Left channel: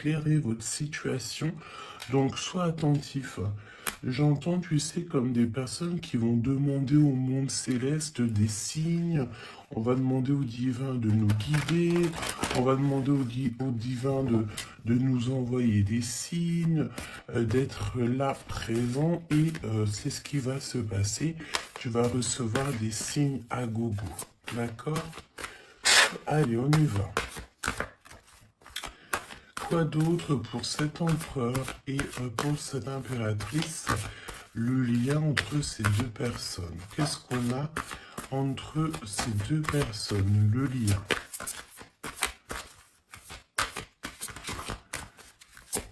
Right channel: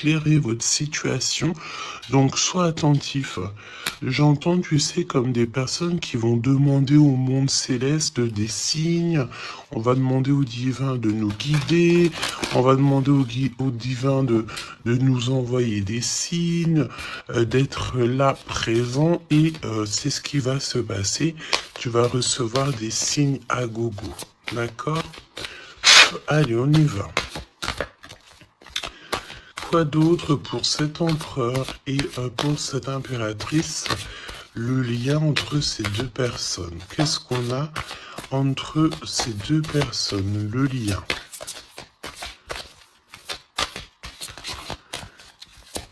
éclairer votre situation. Donc, sois attentif. J'entends, tu sais, comme des personnes qui vont demander au monde céleste des signes. On va demander au divin de nous guider. On va demander au divin de nous envoyer des signes, d'être là, présent. Et c'est ce qui va se passer. Tu vas recevoir des signes à gogo. D'accord? Allez, on y va. Quoi d'autre pour cet empereur et pour cette impératrice? Le lien entre ces deux personnes. Qu'est-ce qu'on a entre ces deux personnes? Le lien.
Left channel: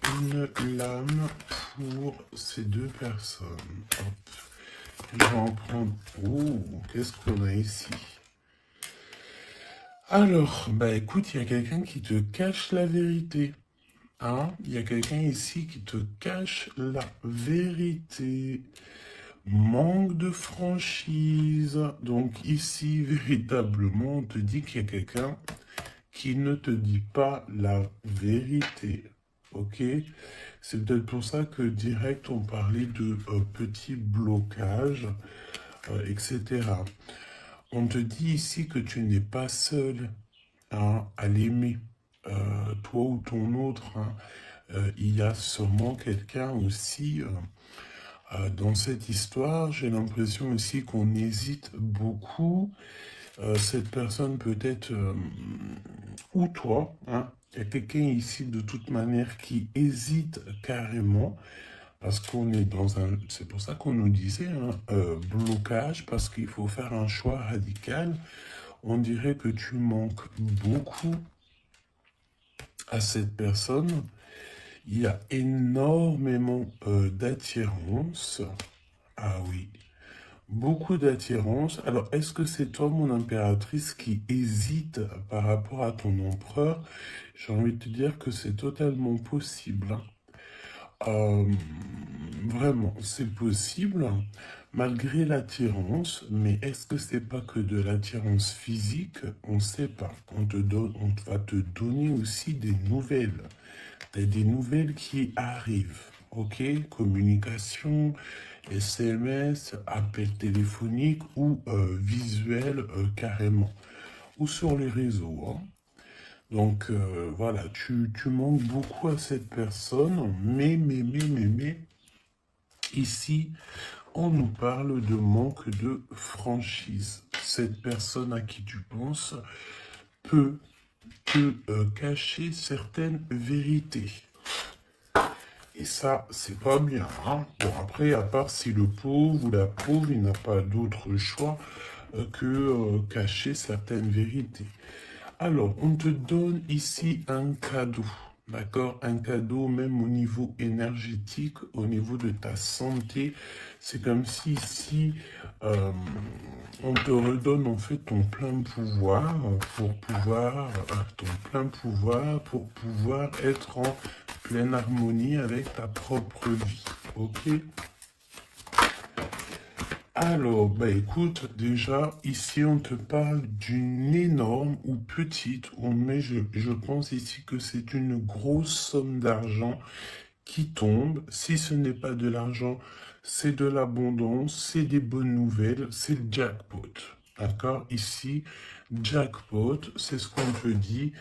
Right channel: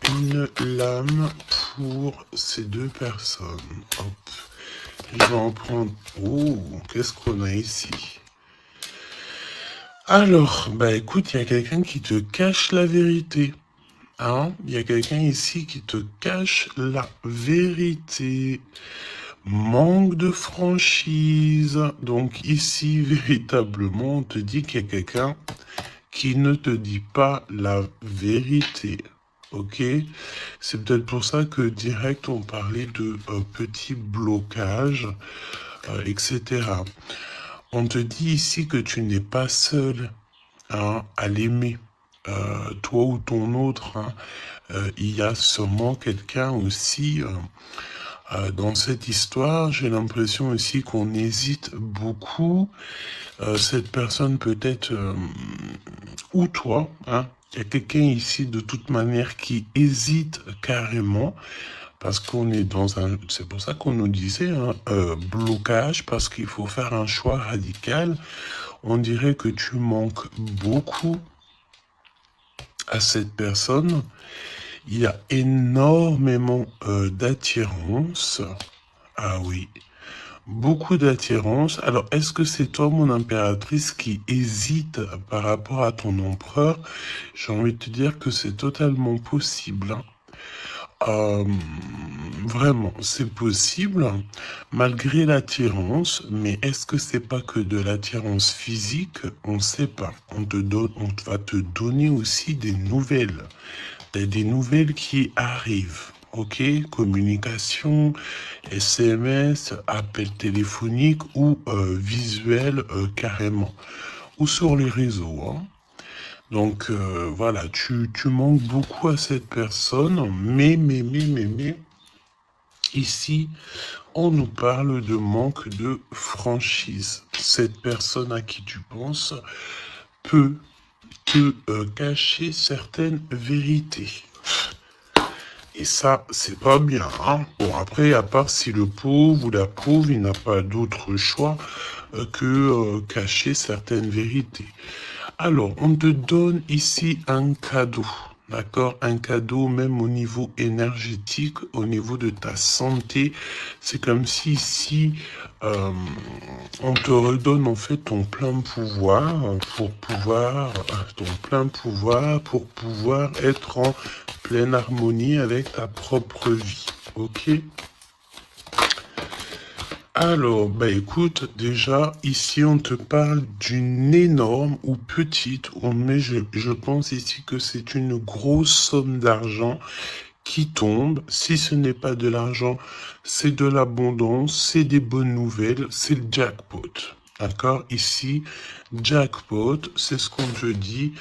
Une lame pour ces deux personnes. Hop. Je vais en prendre... Oh, qu'est-ce qu'on a ici? Alors, bah écoute, il y a quelqu'un qui te cache la vérité. Hein? Il y a quelqu'un ici qui te cache la vérité. Manque de franchise. Donc ici, véritablement, on te dit qu'il y a quelqu'un qui ne te dit pas la vérité. Ok? C'est peut-être pour ça que direct, on parlait de petits blocages, etc. On te dit ici que tu n'es pas seul, hein, à l'aimer. Toi ou ton autre, hein, il y a sûrement quelqu'un aussi dans cette histoire. J'ai l'impression aussi qu'on hésite beaucoup. Cette personne peut-être, ou toi, hein, il y a quelqu'un ici de toute manière qui hésite carrément. Parce qu'on est dans un... C'est pour ça qu'on nous disait, hein, blocage, parce qu'il faut faire un choix radical. On dirait que tu manques beaucoup à cette personne. Il y a énormément d'attirance. Ah oui, beaucoup d'attirance. Alors, est-ce que c'est toi, mon impératrice, qui hésite par rapport à ton empereur? J'ai envie de te dire que c'est totalement possible, hein. Euh, Vraiment, c'est possible, malgré l'attirance, mais est-ce que c'est pas que de l'attirance physique? On ne sait pas. On va te donner aussi des nouvelles. Des nouvelles qui arrivent. Ok? Communication, SMS, appel téléphonique ou visuel carrément. Ou sur les réseaux, hein. Donc voilà, tu manques beaucoup à cette personne, mais, ici, on nous parle de manque de franchise. Cette personne à qui tu penses peut te cacher certaines vérités. Et ça, c'est pas bien, hein. Bon, après, à part si le pauvre ou la pauvre, il n'a pas d'autre choix que cacher certaines vérités. Alors, on te donne ici un cadeau, d'accord? Un cadeau même au niveau énergétique, au niveau de ta santé. C'est comme si ici, on te redonne en fait ton plein pouvoir pour pouvoir être en pleine harmonie avec ta propre vie, ok? Alors, bah écoute, déjà, ici, on te parle d'une énorme ou petite, mais je pense ici que c'est une grosse somme d'argent qui tombe. Si ce n'est pas de l'argent, c'est de l'abondance, c'est des bonnes nouvelles, c'est le jackpot. D'accord? Ici, jackpot, c'est ce qu'on te dit.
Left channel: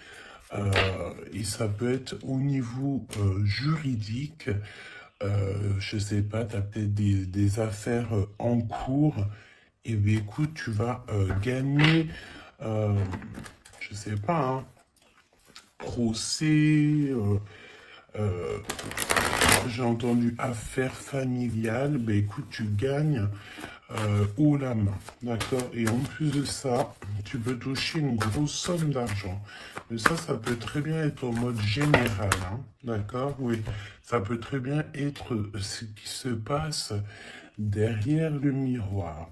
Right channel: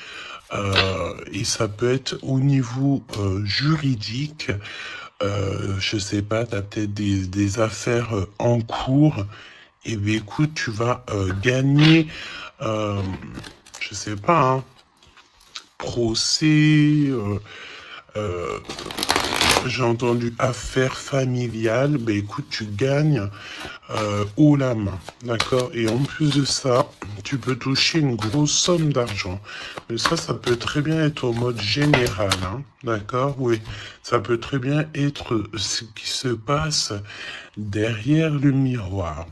Et ça peut être au niveau juridique. Je sais pas, tu as peut-être des affaires en cours. Et bien écoute, tu vas gagner, euh, je sais pas, hein, procès, euh, j'ai entendu affaires familiales. Ben écoute, tu gagnes haut la main, d'accord? Et en plus de ça, tu peux toucher une grosse somme d'argent. Mais ça peut très bien être au mode général, hein, d'accord? Oui, ça peut très bien être ce qui se passe derrière le miroir.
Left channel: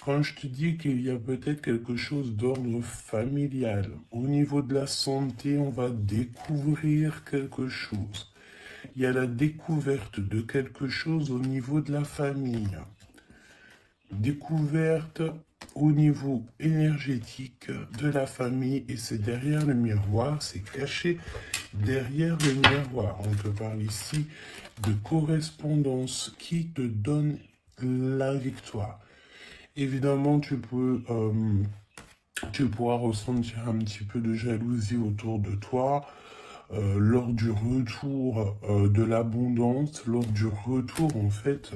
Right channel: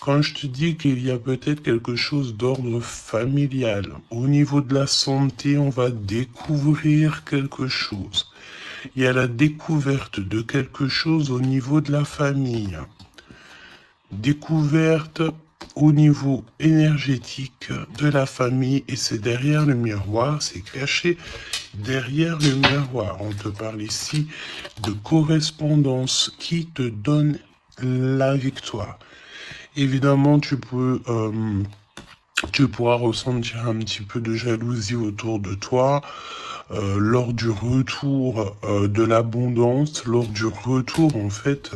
Quand je te dis qu'il y a peut-être quelque chose d'ordre familial, au niveau de la santé, on va découvrir quelque chose. Il y a la découverte de quelque chose au niveau de la famille. Découverte au niveau énergétique de la famille et c'est derrière le miroir, c'est caché derrière le miroir. On te parle ici de correspondance qui te donne la victoire. Évidemment, tu pourras ressentir un petit peu de jalousie autour de toi lors du retour de l'abondance, lors du retour en fait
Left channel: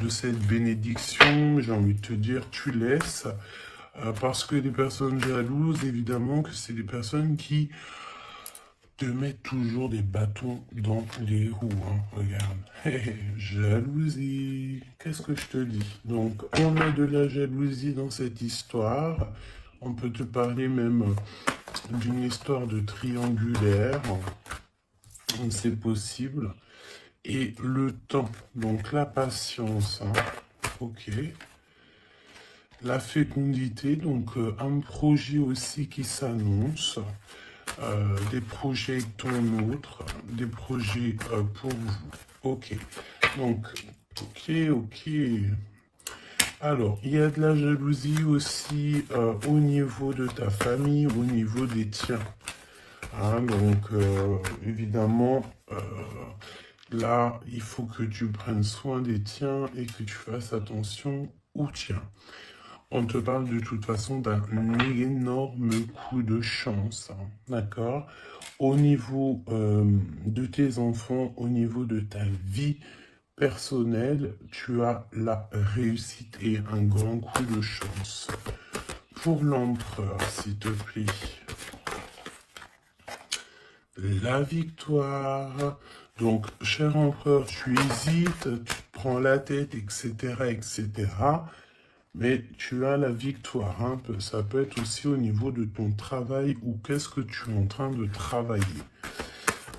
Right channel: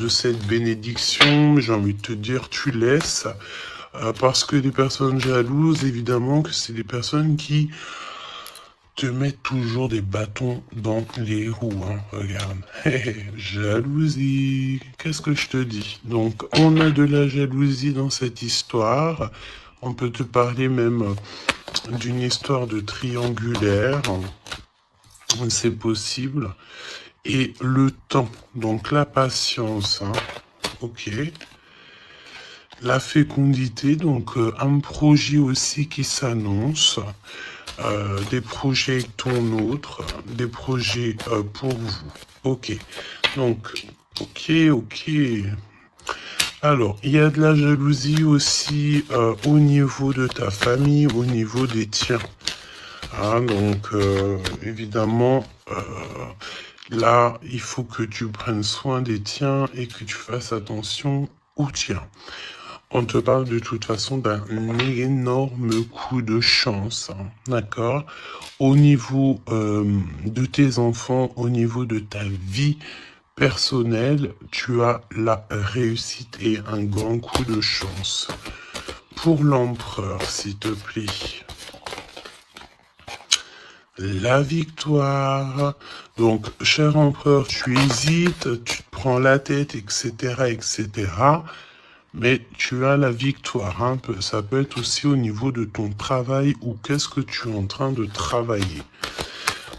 de cette bénédiction. J'ai envie de te dire, tu laisses parce que les personnes jalouses, évidemment, que c'est des personnes qui te mettent toujours des bâtons dans les roues. Hein. Regarde, jalousie, qu'est-ce que je te dis? Donc, on a de la jalousie dans cette histoire. On peut te parler même d'une histoire de triangulaire. C'est possible. Et le temps, donc la patience. Hein. Ok. La fécondité, donc un projet aussi qui s'annonce. Des projets ton autre, des projets pour vous. Ok. Donc, ok. Alors, il y a de la jalousie aussi au niveau de ta famille, au niveau des tiens. Hein, donc, évidemment, là, il faut que tu prennes soin des tiens et que tu fasses attention aux tiens. On te parle de toute façon d'un énorme coup de chance, hein, d'accord? Au niveau de tes enfants, au niveau de ta vie personnelle, tu as la réussite et un grand coup de chance. Pour l'empereur, s'il te plaît. La victoire. Donc, cher empereur, tu hésites, tu te prends la tête, etc., etc. Mais tu as la victoire. Hein. Ça peut être aussi au niveau de ton travail ou qu'est-ce que tu es en train de travailler.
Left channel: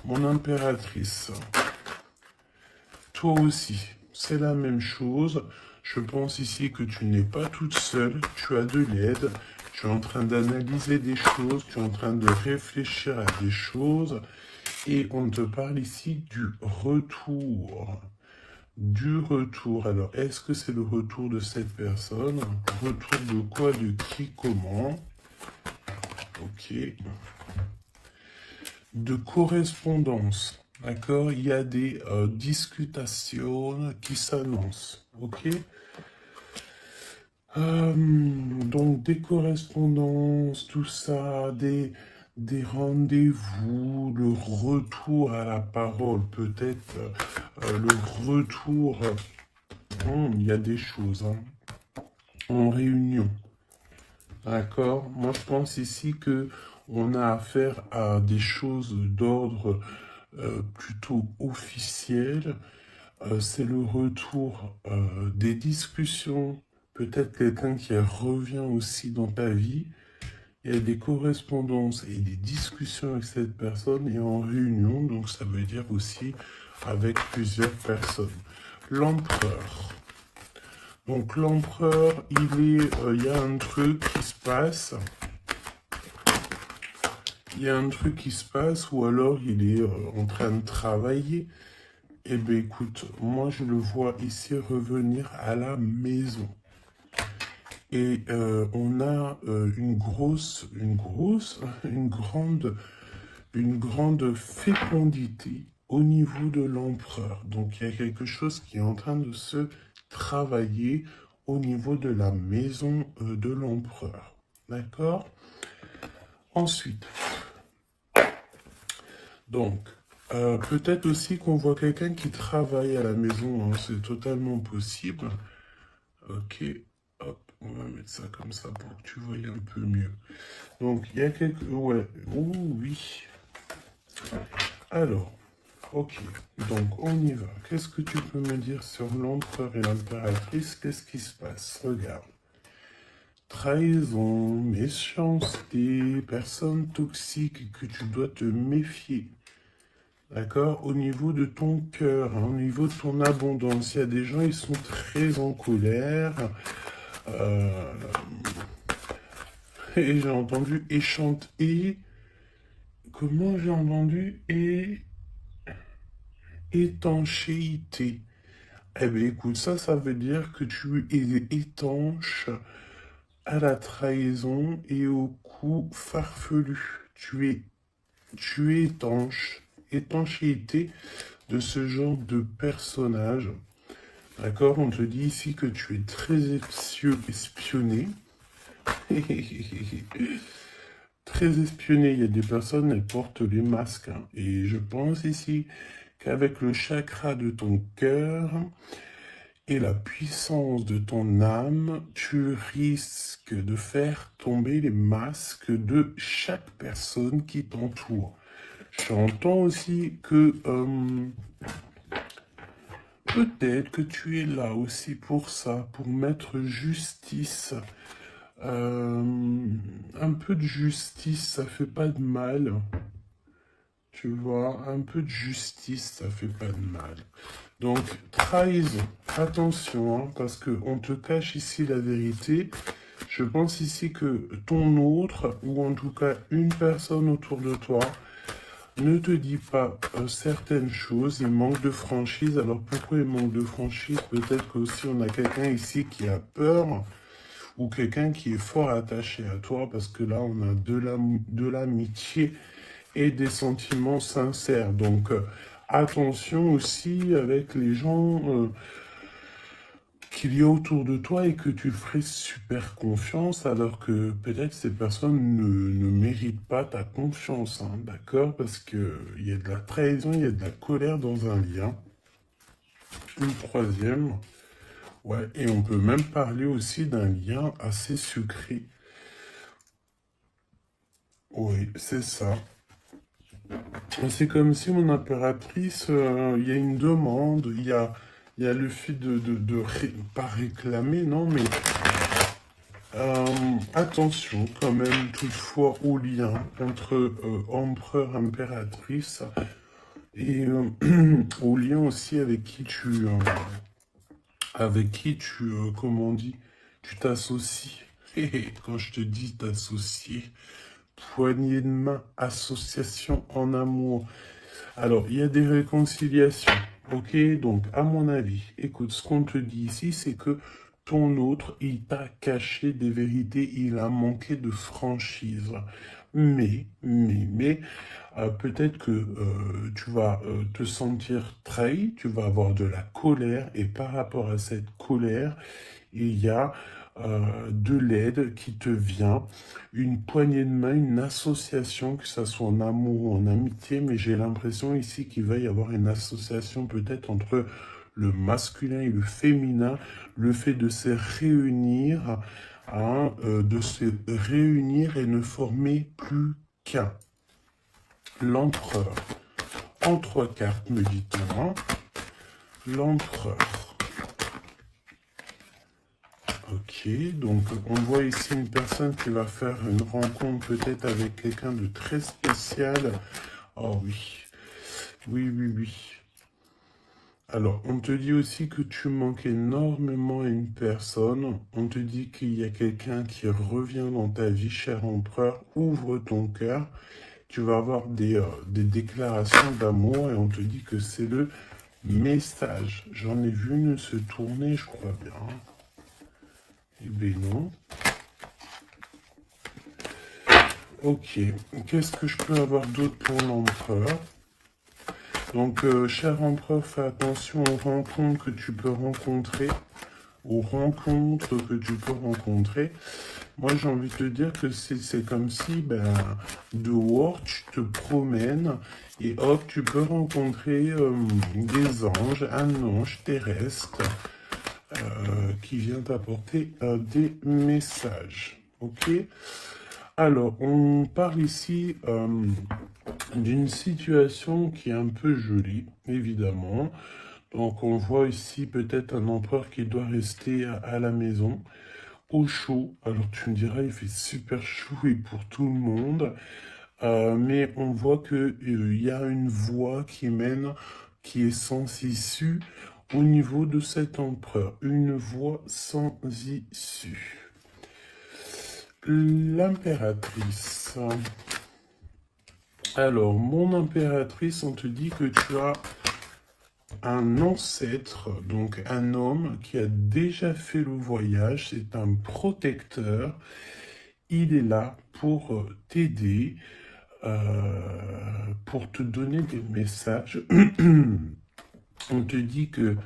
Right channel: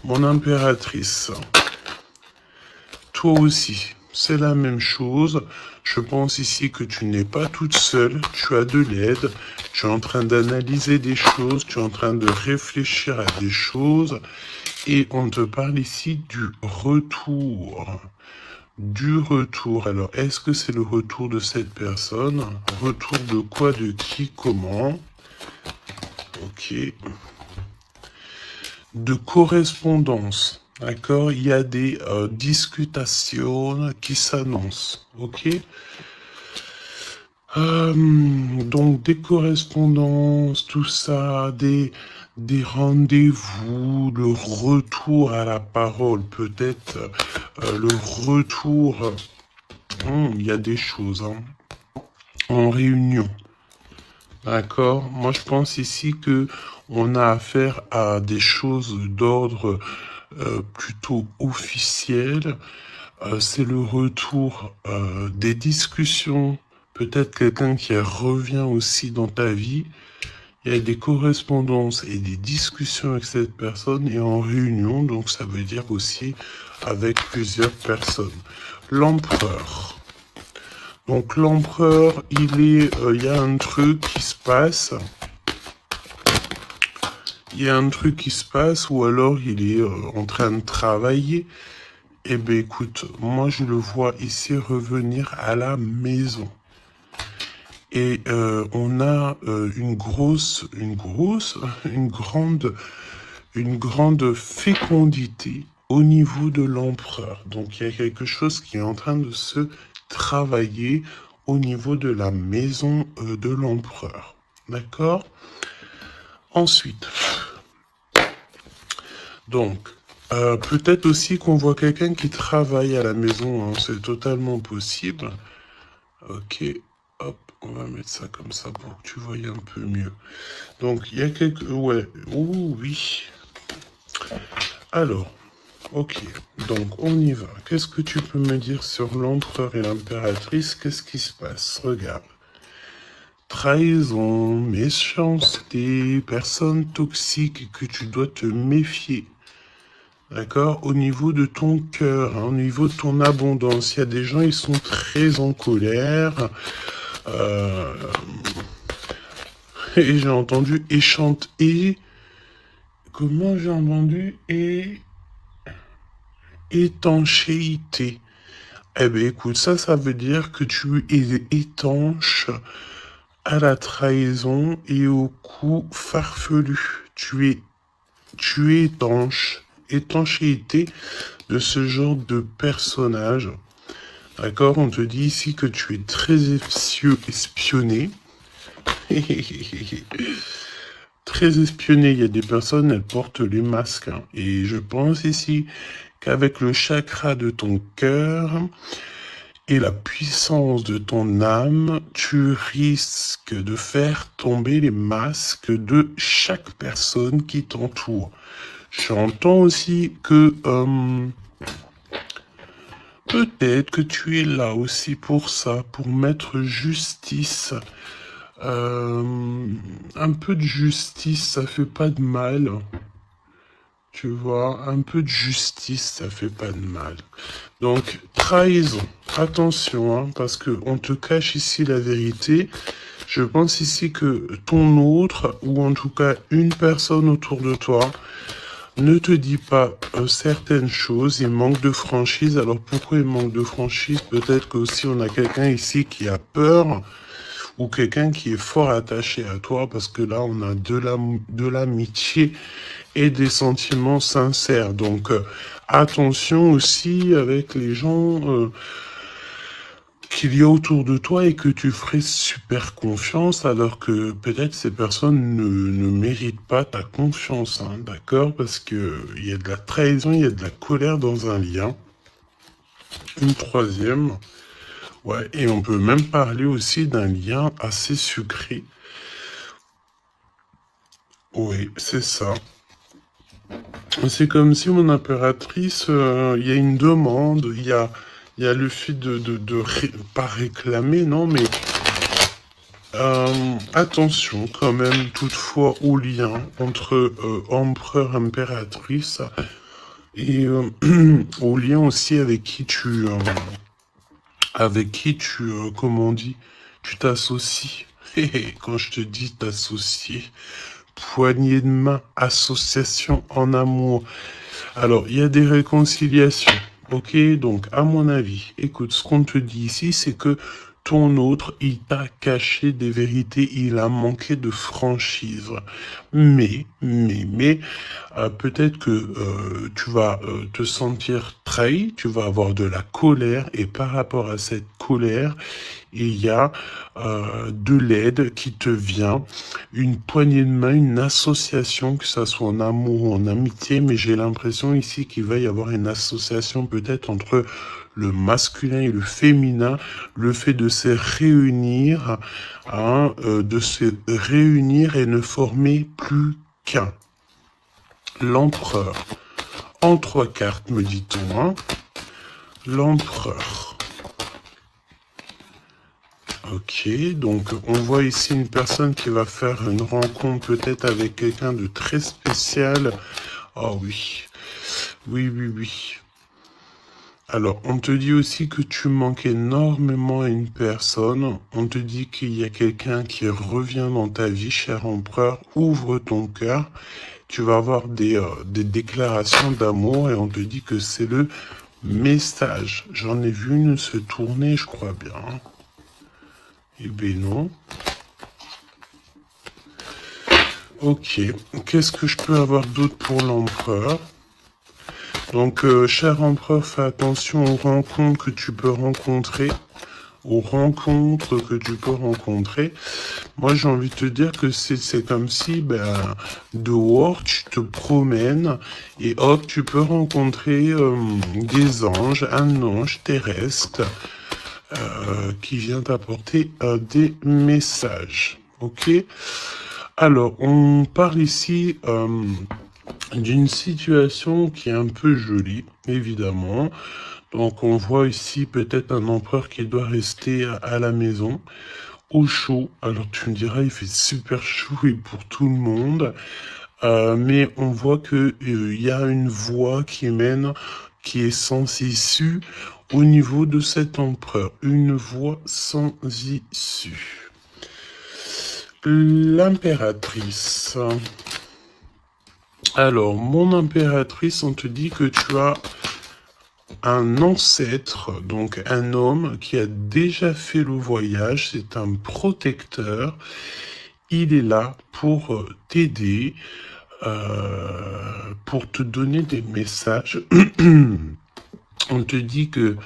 Mon impératrice, toi aussi, c'est la même chose. Je pense ici que tu n'es pas toute seule, tu as de l'aide, tu es en train d'analyser des choses, tu es en train de réfléchir à des choses. Et on te parle ici du retour. Du retour. Alors, est-ce que c'est le retour de cette personne? Retour de quoi? De qui? Comment? Ok. De correspondance. D'accord? Il y a des discutations qui s'annoncent. Ok? Donc, des correspondances, tout ça, des rendez-vous, le retour à la parole, peut-être le retour. Il y a des choses hein, en réunion. D'accord? Moi, je pense ici que on a affaire à des choses d'ordre plutôt officiel. C'est le retour des discussions. Peut-être quelqu'un qui revient aussi dans ta vie. Il y a des correspondances et des discussions avec cette personne et en réunion. Donc, ça veut dire aussi avec plusieurs personnes. L'empereur. Donc l'empereur, il y a un truc qui se passe. Il y a un truc qui se passe ou alors il est en train de travailler. Eh bien écoute, moi je le vois ici revenir à la maison. Et on a une grande fécondité au niveau de l'empereur. Donc il y a quelque chose qui est en train de se travailler au niveau de la maison de l'empereur. D'accord? Ensuite, donc, peut-être aussi qu'on voit quelqu'un qui travaille à la maison, hein, c'est totalement possible. Ok, hop, on va mettre ça comme ça pour que tu voyes un peu mieux. Donc, il y a quelques... Ouais, oui. Alors, ok, donc on y va. Qu'est-ce que tu peux me dire sur l'empereur et l'impératrice? Qu'est-ce qui se passe? Regarde. Trahison, méchanceté, personne toxique que tu dois te méfier. D'accord? Au niveau de ton cœur, hein, au niveau de ton abondance, il y a des gens, ils sont très en colère. Euh, et j'ai entendu et comment j'ai entendu étanchéité. Eh bien, écoute, ça veut dire que tu es étanche à la trahison et au coup farfelu. Tu es étanche. Étanchéité de ce genre de personnage. D'accord? On te dit ici que tu es très espionné. Très espionné. Il y a des personnes, elles portent les masques, hein. Et je pense ici qu'avec le chakra de ton cœur et la puissance de ton âme, tu risques de faire tomber les masques de chaque personne qui t'entoure. J'entends aussi que peut-être que tu es là aussi pour ça, pour mettre justice. Un peu de justice, ça fait pas de mal. Tu vois, un peu de justice, ça fait pas de mal. Donc, trahison. Attention, hein, parce que on te cache ici la vérité. Je pense ici que ton autre, ou en tout cas une personne autour de toi, ne te dit pas certaines choses, il manque de franchise. Alors pourquoi il manque de franchise? Peut-être qu'aussi on a quelqu'un ici qui a peur, ou quelqu'un qui est fort attaché à toi, parce que là on a de l'amitié et des sentiments sincères. Donc attention aussi avec les gens qu'il y a autour de toi et que tu ferais super confiance, alors que peut-être ces personnes ne méritent pas ta confiance, hein, d'accord? Parce que il y a de la trahison, il y a de la colère dans un lien. Une troisième, ouais, et on peut même parler aussi d'un lien assez sucré. Oui, c'est ça. C'est comme si mon impératrice, il y a une demande, il y a le fait pas réclamer, non, mais attention quand même toutefois au lien entre empereur, impératrice et au lien aussi avec qui tu, comment on dit, tu t'associes. Quand je te dis t'associer, poignée de main, association en amour. Alors, il y a des réconciliations. Ok, donc à mon avis, écoute, ce qu'on te dit ici, c'est que ton autre, il t'a caché des vérités, il a manqué de franchise. Mais, peut-être que tu vas te sentir trahi, tu vas avoir de la colère, et par rapport à cette colère, il y a de l'aide qui te vient, une poignée de main, une association, que ça soit en amour ou en amitié, mais j'ai l'impression ici qu'il va y avoir une association peut-être entre le masculin et le féminin, le fait de se réunir, hein, de se réunir et ne former plus qu'un. L'empereur. En trois cartes, me dit-on, hein. L'empereur. Ok, donc on voit ici une personne qui va faire une rencontre peut-être avec quelqu'un de très spécial. Oh oui, oui, oui, oui. Alors, on te dit aussi que tu manques énormément à une personne. On te dit qu'il y a quelqu'un qui revient dans ta vie, cher empereur. Ouvre ton cœur. Tu vas avoir des déclarations d'amour et on te dit que c'est le message. J'en ai vu une se tourner, je crois bien. Eh bien non. Ok, qu'est-ce que je peux avoir d'autre pour l'empereur? Donc, cher empereur, fais attention aux rencontres que tu peux rencontrer. Aux rencontres que tu peux rencontrer. Moi, j'ai envie de te dire que c'est comme si, ben, dehors, tu te promènes et hop, tu peux rencontrer des anges, un ange terrestre qui vient t'apporter des messages. Ok? Alors, on parle ici d'une situation qui est un peu jolie, évidemment. Donc, on voit ici peut-être un empereur qui doit rester à la maison, au chaud. Alors, tu me diras, il fait super chaud et pour tout le monde. Mais on voit que il y a une voie qui mène, qui est sans issue au niveau de cet empereur. Une voie sans issue. L'impératrice. Alors, mon impératrice, on te dit que tu as un ancêtre, donc un homme qui a déjà fait le voyage, c'est un protecteur. Il est là pour t'aider, pour te donner des messages. On te dit que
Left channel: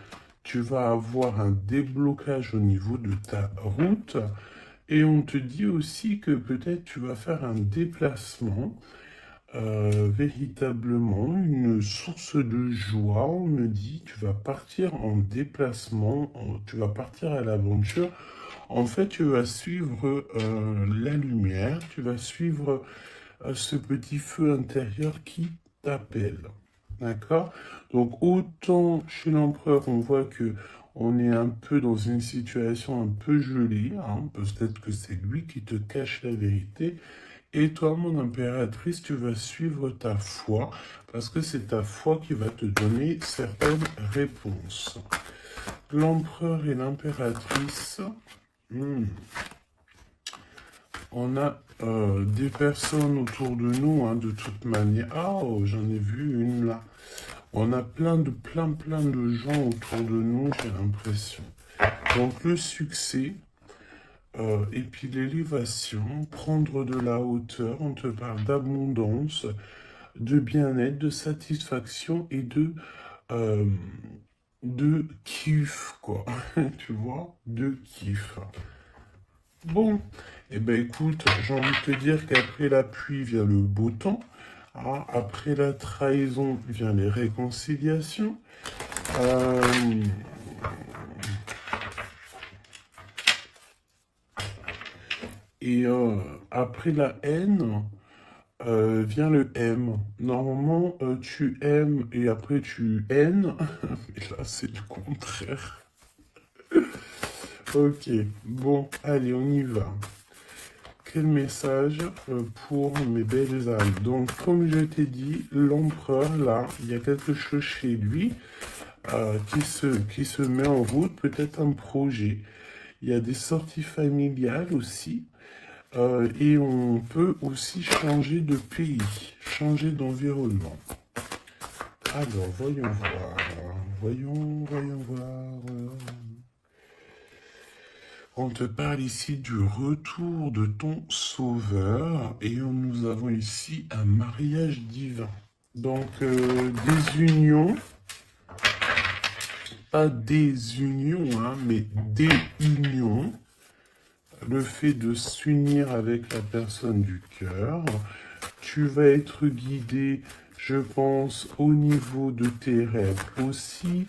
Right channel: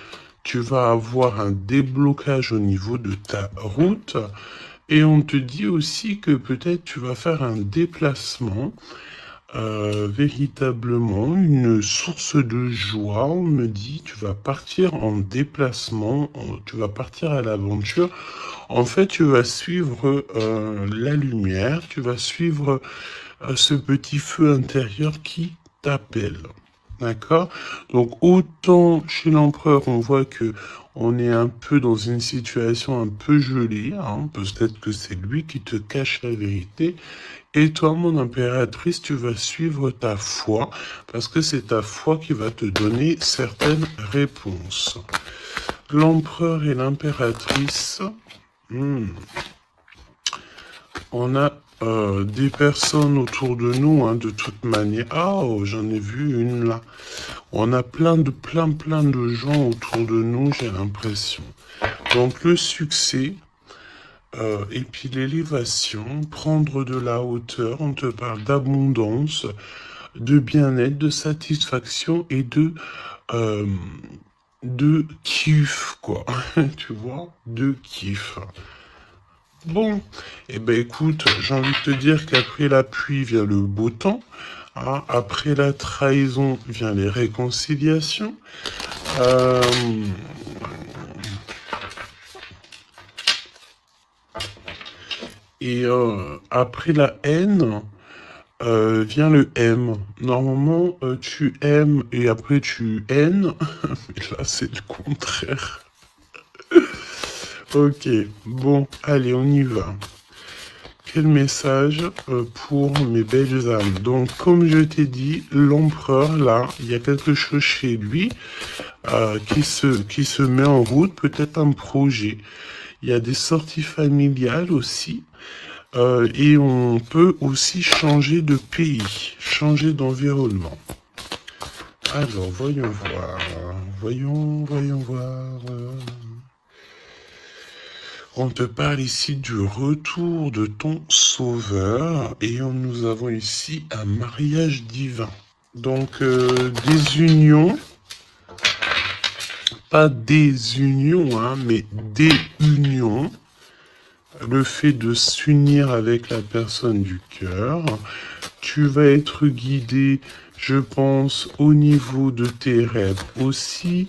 tu vas avoir un déblocage au niveau de ta route et on te dit aussi que peut-être tu vas faire un déplacement, véritablement une source de joie. On me dit tu vas partir en déplacement, tu vas partir à l'aventure. En fait, tu vas suivre la lumière, tu vas suivre ce petit feu intérieur qui t'appelle. D'accord? Donc, autant chez l'empereur, on voit que on est un peu dans une situation un peu gelée, hein. Peut-être que c'est lui qui te cache la vérité. Et toi, mon impératrice, tu vas suivre ta foi, parce que c'est ta foi qui va te donner certaines réponses. L'empereur et l'impératrice, on a des personnes autour de nous, hein, de toute manière. Ah, oh, j'en ai vu une là. On a plein de gens autour de nous, j'ai l'impression. Donc le succès, et puis l'élévation, prendre de la hauteur, on te parle d'abondance, de bien-être, de satisfaction et de kiff, quoi. Tu vois, de kiff. Bon, eh ben écoute, j'ai envie de te dire qu'après la pluie vient le beau temps, hein. Après la trahison vient les réconciliations. Euh, et après la haine vient le M. Normalement, tu aimes et après tu haines. Là, c'est le contraire. Ok, bon, allez, on y va. Quel message pour mes belles âmes. Donc, comme je t'ai dit, l'empereur, là, il y a quelque chose chez lui qui se met en route, peut-être un projet. Il y a des sorties familiales aussi. Et on peut aussi changer de pays, changer d'environnement. Alors, voyons voir. Voyons voir. On te parle ici du retour de ton sauveur et nous avons ici un mariage divin. Donc des unions, pas des unions, hein, mais des unions. Le fait de s'unir avec la personne du cœur. Tu vas être guidé, je pense, au niveau de tes rêves aussi.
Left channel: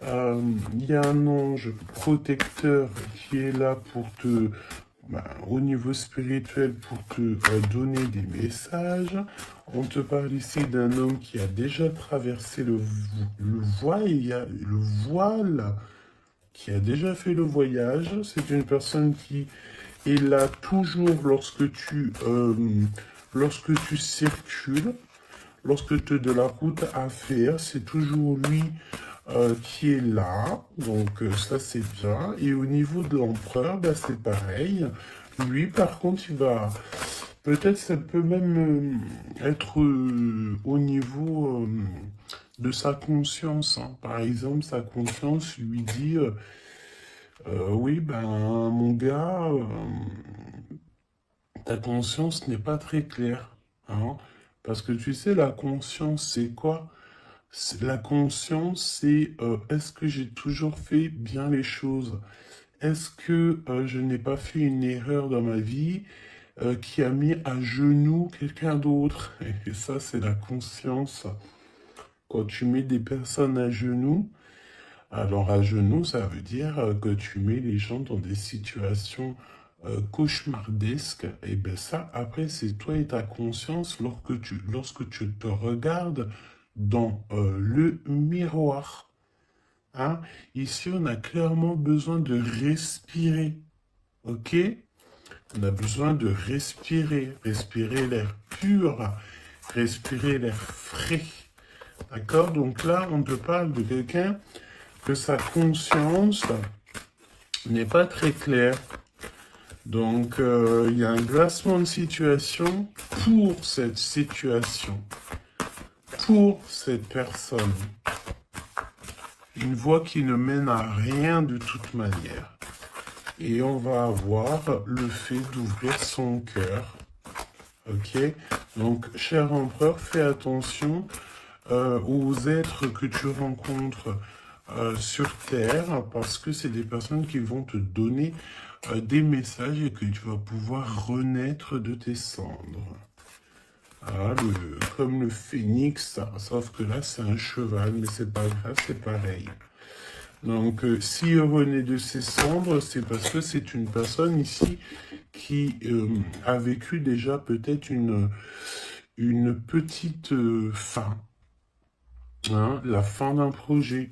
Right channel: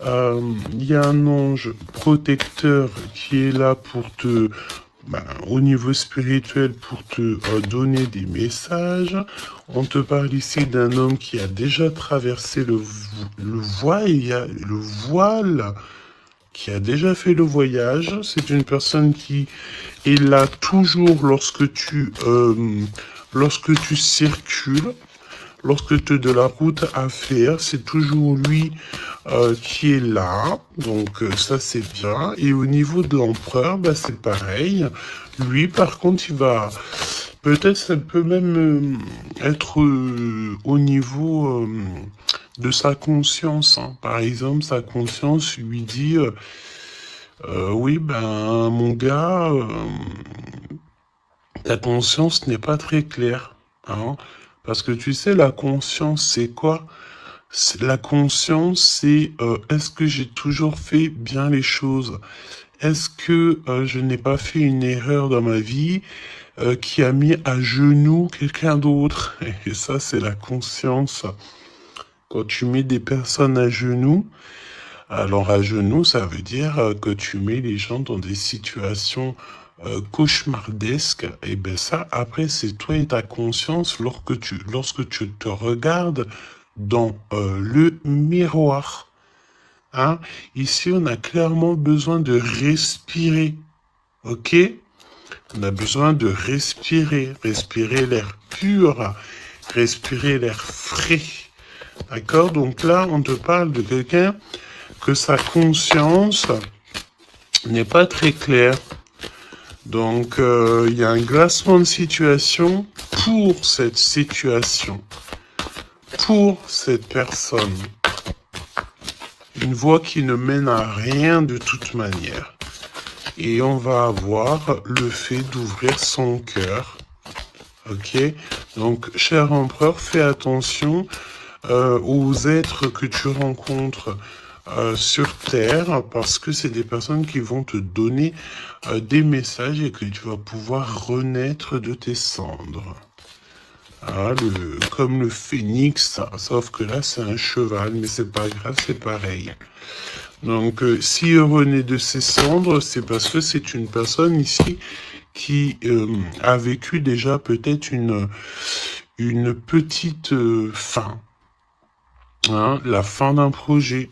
Il y a un ange protecteur qui est là pour te, au niveau spirituel, pour te donner des messages. On te parle ici d'un homme qui a déjà traversé le voile, il y a le voile, qui a déjà fait le voyage. C'est une personne qui est là toujours lorsque tu circules. Lorsque tu as de la route à faire, c'est toujours lui qui est là. Donc ça c'est bien. Et au niveau de l'empereur, c'est pareil. Lui par contre il va... Peut-être ça peut même être au niveau de sa conscience, hein. Par exemple, sa conscience lui dit oui, mon gars, ta conscience n'est pas très claire, hein. Parce que tu sais, la conscience, c'est quoi? La conscience, c'est est-ce que j'ai toujours fait bien les choses? Est-ce que je n'ai pas fait une erreur dans ma vie qui a mis à genoux quelqu'un d'autre? Et ça, c'est la conscience. Quand tu mets des personnes à genoux, alors à genoux, ça veut dire que tu mets les gens dans des situations cauchemardesques. Et bien ça, après, c'est toi et ta conscience lorsque tu te regardes dans le miroir. Hein? Ici, on a clairement besoin de respirer. Ok? On a besoin de respirer. Respirer l'air pur. Respirer l'air frais. D'accord? Donc là, on te parle de quelqu'un que sa conscience n'est pas très claire. Donc, il y a un glacement de situation pour cette situation, pour cette personne. Une voie qui ne mène à rien de toute manière. Et on va avoir le fait d'ouvrir son cœur. Ok? Donc, cher empereur, fais attention aux êtres que tu rencontres sur Terre, parce que c'est des personnes qui vont te donner des messages et que tu vas pouvoir renaître de tes cendres. Ah, comme le phénix, sauf que là c'est un cheval, mais c'est pas grave, c'est pareil. Donc s'il renaît de ses cendres, c'est parce que c'est une personne ici qui a vécu déjà peut-être une petite fin. Hein, la fin d'un projet.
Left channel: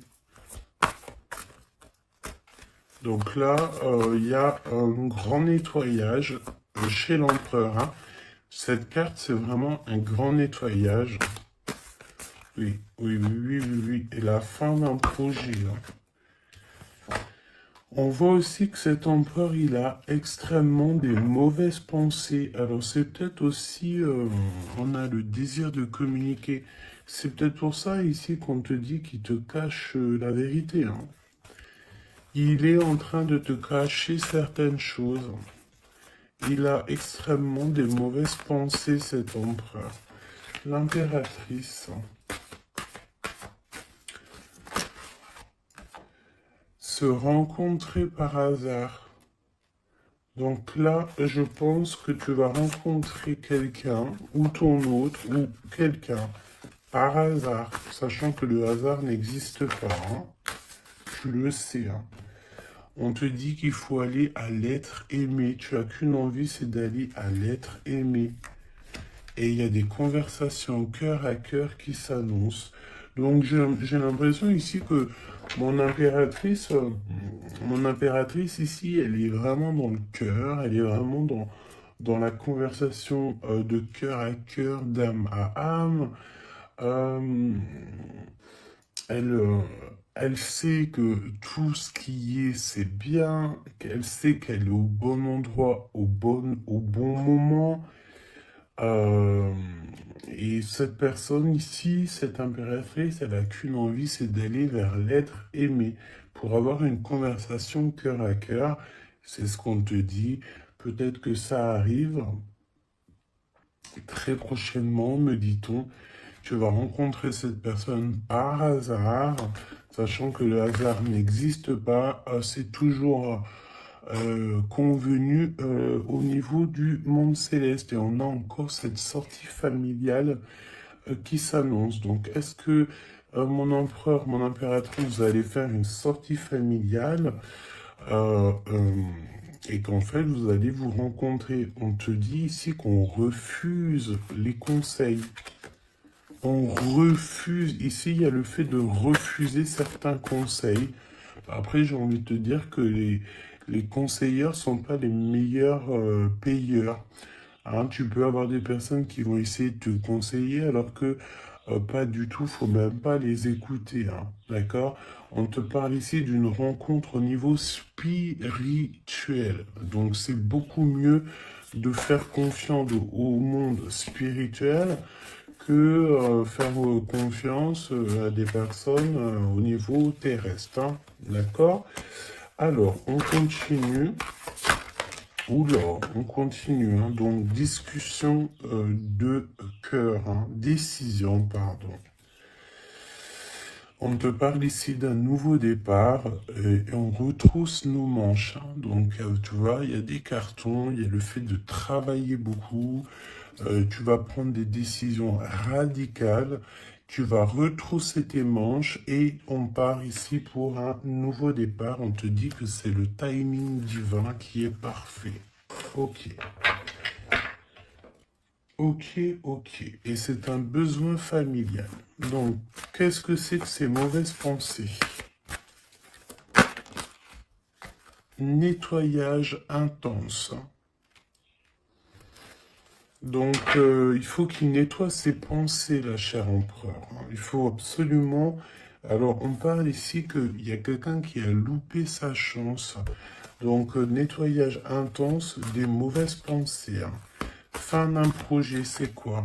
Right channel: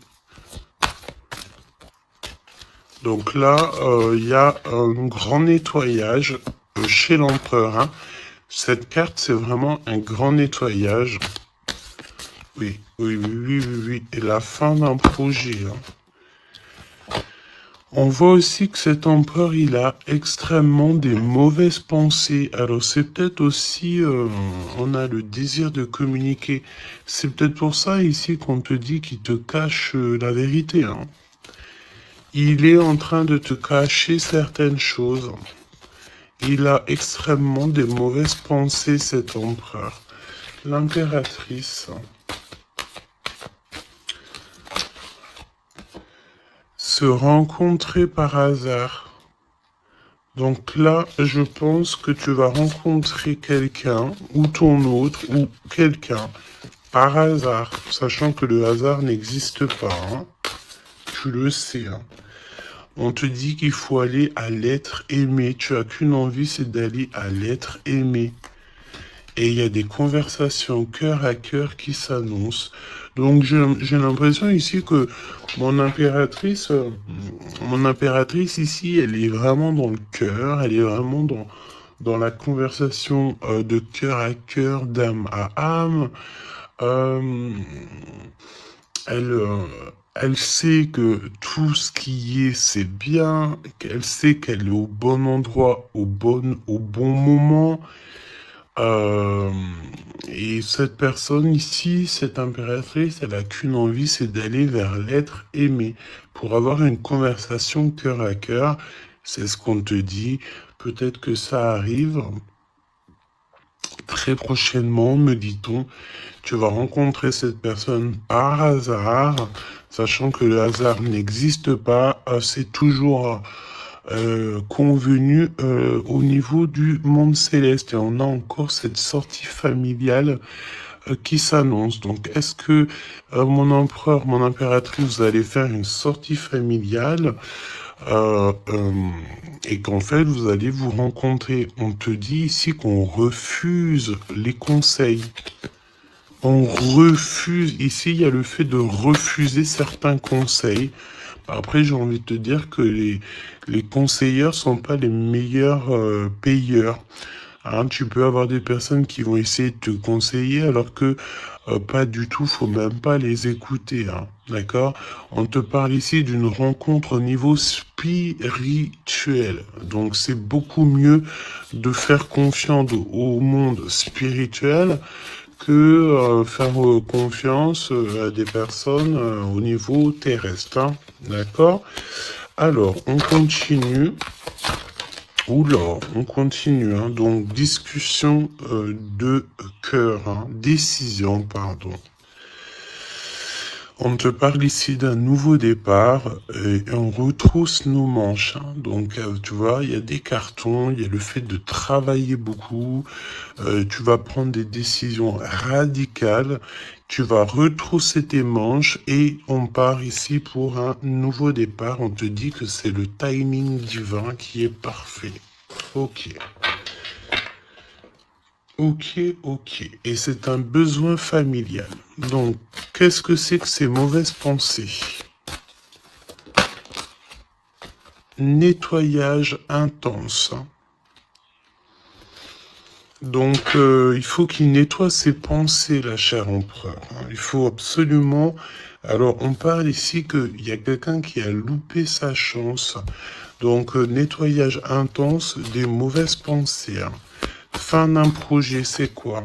Donc là, il y a un grand nettoyage chez l'empereur. Hein. Cette carte, c'est vraiment un grand nettoyage. Oui, oui, oui, oui, oui, oui. Et la fin d'un projet. Hein. On voit aussi que cet empereur, il a extrêmement des mauvaises pensées. Alors c'est peut-être aussi, on a le désir de communiquer. C'est peut-être pour ça ici qu'on te dit qu'il te cache la vérité. Hein. Il est en train de te cacher certaines choses. Il a extrêmement des mauvaises pensées, cet empereur. L'impératrice. Se rencontrer par hasard. Donc là, je pense que tu vas rencontrer quelqu'un, ou ton autre, ou quelqu'un, par hasard, sachant que le hasard n'existe pas. Hein. Tu le sais. Hein. On te dit qu'il faut aller à l'être aimé. Tu as qu'une envie, c'est d'aller à l'être aimé. Et il y a des conversations cœur à cœur qui s'annoncent. Donc j'ai l'impression ici que mon impératrice ici, elle est vraiment dans le cœur, elle est vraiment dans la conversation de cœur à cœur, d'âme à âme. Euh, elle, euh, elle sait que tout ce qui est, c'est bien, qu'elle sait qu'elle est au bon endroit, au bon moment. Euh, et cette personne ici, cette impératrice, elle a qu'une envie, c'est d'aller vers l'être aimé. Pour avoir une conversation cœur à cœur, c'est ce qu'on te dit. Peut-être que ça arrive très prochainement, me dit-on. Tu vas rencontrer cette personne par hasard, sachant que le hasard n'existe pas. C'est toujours convenu au niveau du monde céleste. Et on a encore cette sortie familiale qui s'annonce. Donc, est-ce que mon empereur, mon impératrice, vous allez faire une sortie familiale euh, euh, et qu'en fait, vous allez vous rencontrer? On te dit ici qu'on refuse les conseils. On refuse, ici il y a le fait de refuser certains conseils. Après, j'ai envie de te dire que les conseilleurs sont pas les meilleurs payeurs. Hein, tu peux avoir des personnes qui vont essayer de te conseiller alors que pas du tout, faut même pas les écouter. Hein, d'accord? On te parle ici d'une rencontre au niveau spirituel. Donc c'est beaucoup mieux de faire confiance au monde spirituel que faire confiance à des personnes au niveau terrestre. Hein, d'accord? Alors, on continue. Oula, on continue. Hein, donc, discussion de cœur. Hein, décision, pardon. On te parle ici d'un nouveau départ et on retrousse nos manches. Hein. Donc, tu vois, il y a des cartons, il y a le fait de travailler beaucoup. Tu vas prendre des décisions radicales. Tu vas retrousser tes manches et on part ici pour un nouveau départ. On te dit que c'est le timing divin qui est parfait. Ok. Ok, ok. Et c'est un besoin familial. Donc, qu'est-ce que c'est que ces mauvaises pensées? Nettoyage intense. Donc, il faut qu'il nettoie ses pensées, la chère empereur. Il faut absolument... Alors, on parle ici qu'il y a quelqu'un qui a loupé sa chance. Donc, nettoyage intense des mauvaises pensées. Fin d'un projet, c'est quoi?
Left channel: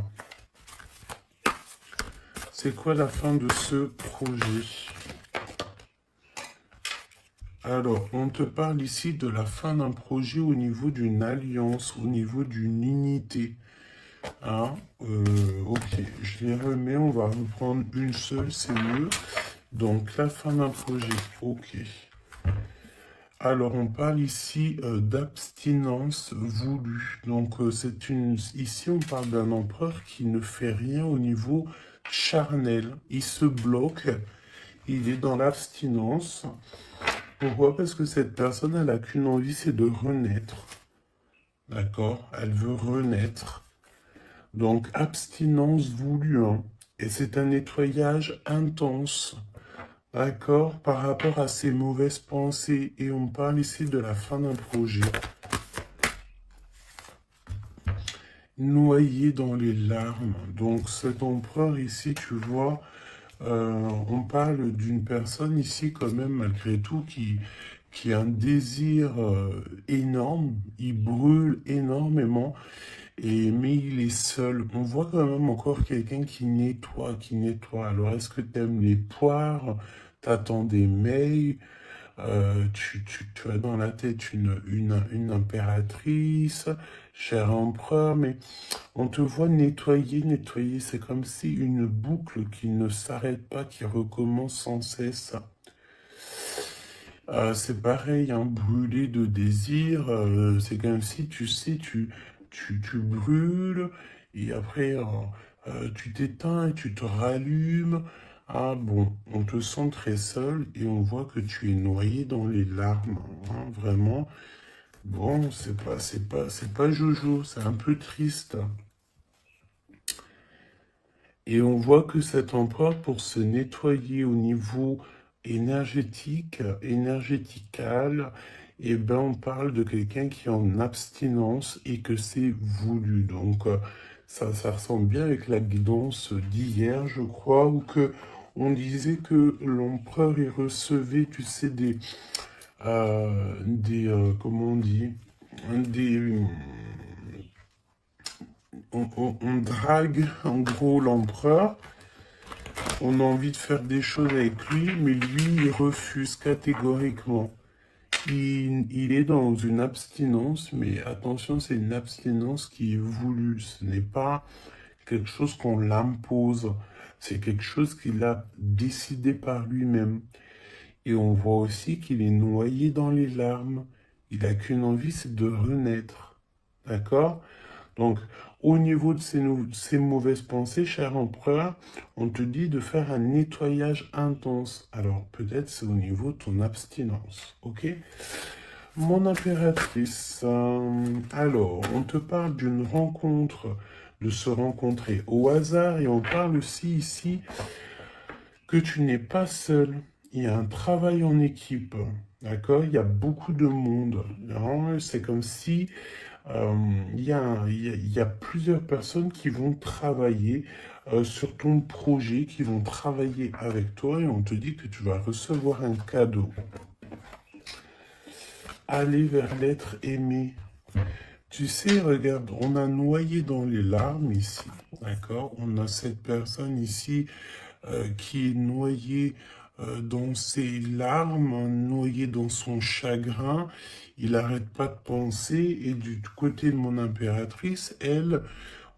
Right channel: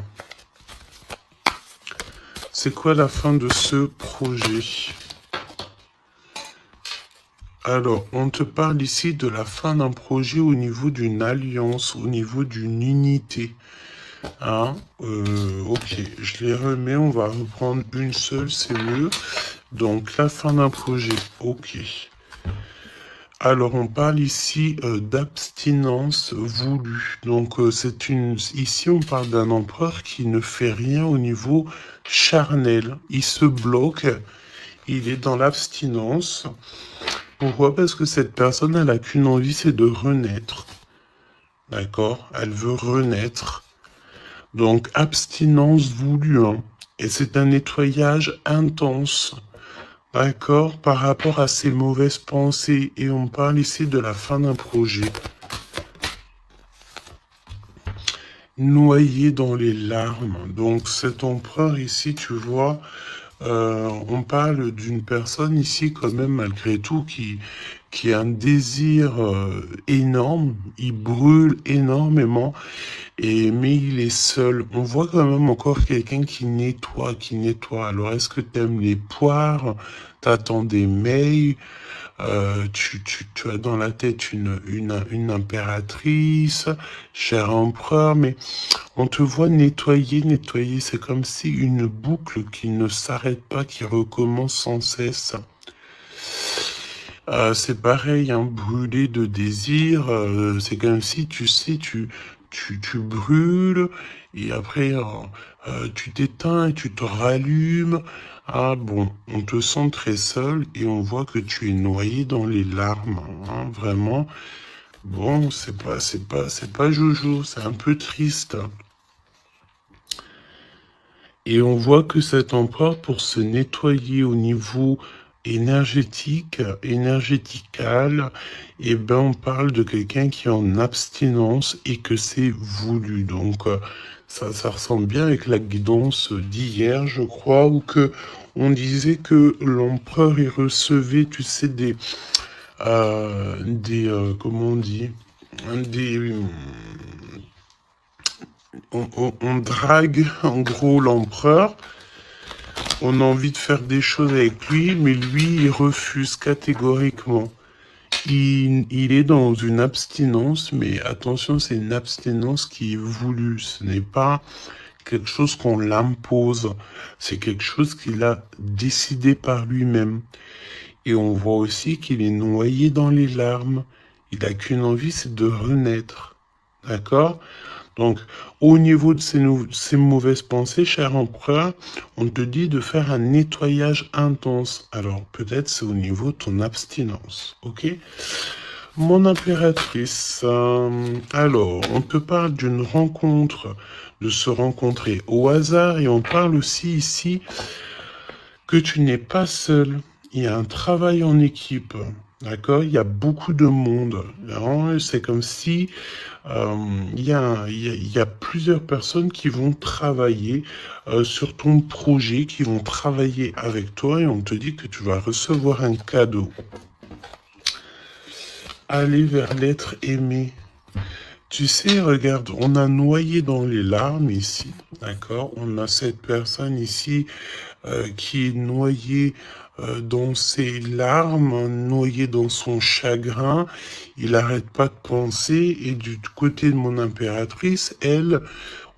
C'est quoi la fin de ce projet? Alors, on te parle ici de la fin d'un projet au niveau d'une alliance, au niveau d'une unité. Hein, ok, je les remets, on va reprendre une seule, c'est mieux. Donc, la fin d'un projet, ok. Alors, on parle ici d'abstinence voulue. Donc, ici, on parle d'un empereur qui ne fait rien au niveau charnel. Il se bloque, il est dans l'abstinence. Pourquoi? Parce que cette personne, elle n'a qu'une envie, c'est de renaître. D'accord? Elle veut renaître. Donc, abstinence voulue, hein. Et c'est un nettoyage intense. D'accord? Par rapport à ses mauvaises pensées. Et on parle ici de la fin d'un projet. Noyé dans les larmes. Donc, cet empereur ici, tu vois, on parle d'une personne ici, quand même, malgré tout, qui a un désir énorme. Il brûle énormément. Mais il est seul. On voit quand même encore quelqu'un qui nettoie, qui nettoie. Alors, est-ce que tu aimes les poires? T'attends des mails? Tu as dans la tête une impératrice, cher empereur, mais on te voit nettoyer, nettoyer. C'est comme si une boucle qui ne s'arrête pas, qui recommence sans cesse. C'est pareil, hein, brûler de désir, c'est comme si, tu sais, tu brûles et après, tu t'éteins et tu te rallumes. Ah bon, on te sent très seul et on voit que tu es noyé dans les larmes, hein, vraiment. Bon, c'est pas jojo, c'est un peu triste. Et on voit que cet empereur, pour se nettoyer au niveau énergétique, énergétical, eh ben, on parle de quelqu'un qui est en abstinence et que c'est voulu. Donc, ça ressemble bien avec la guidance d'hier, je crois, où que on disait que l'empereur, il recevait, tu sais, comment on dit, des, on drague en gros l'empereur. On a envie de faire des choses avec lui, mais lui, il refuse catégoriquement. Il est dans une abstinence, mais attention, c'est une abstinence qui est voulue. Ce n'est pas quelque chose qu'on l'impose. C'est quelque chose qu'il a décidé par lui-même. Et on voit aussi qu'il est noyé dans les larmes. Il n'a qu'une envie, c'est de renaître. D'accord? Donc, au niveau de ces mauvaises pensées, cher empereur, on te dit de faire un nettoyage intense. Alors, peut-être c'est au niveau de ton abstinence, ok? Mon impératrice, alors, on te parle d'une rencontre, de se rencontrer au hasard, et on parle aussi ici que tu n'es pas seul. Il y a un travail en équipe, d'accord? Il y a beaucoup de monde. Hein. C'est comme si euh, il y a plusieurs personnes qui vont travailler sur ton projet, qui vont travailler avec toi et on te dit que tu vas recevoir un cadeau. Aller vers l'être aimé. Tu sais, regarde, on a noyé dans les larmes ici, d'accord? On a cette personne ici qui est noyée dans ses larmes, noyé dans son chagrin. Il n'arrête pas de penser. Et du côté de mon impératrice, elle,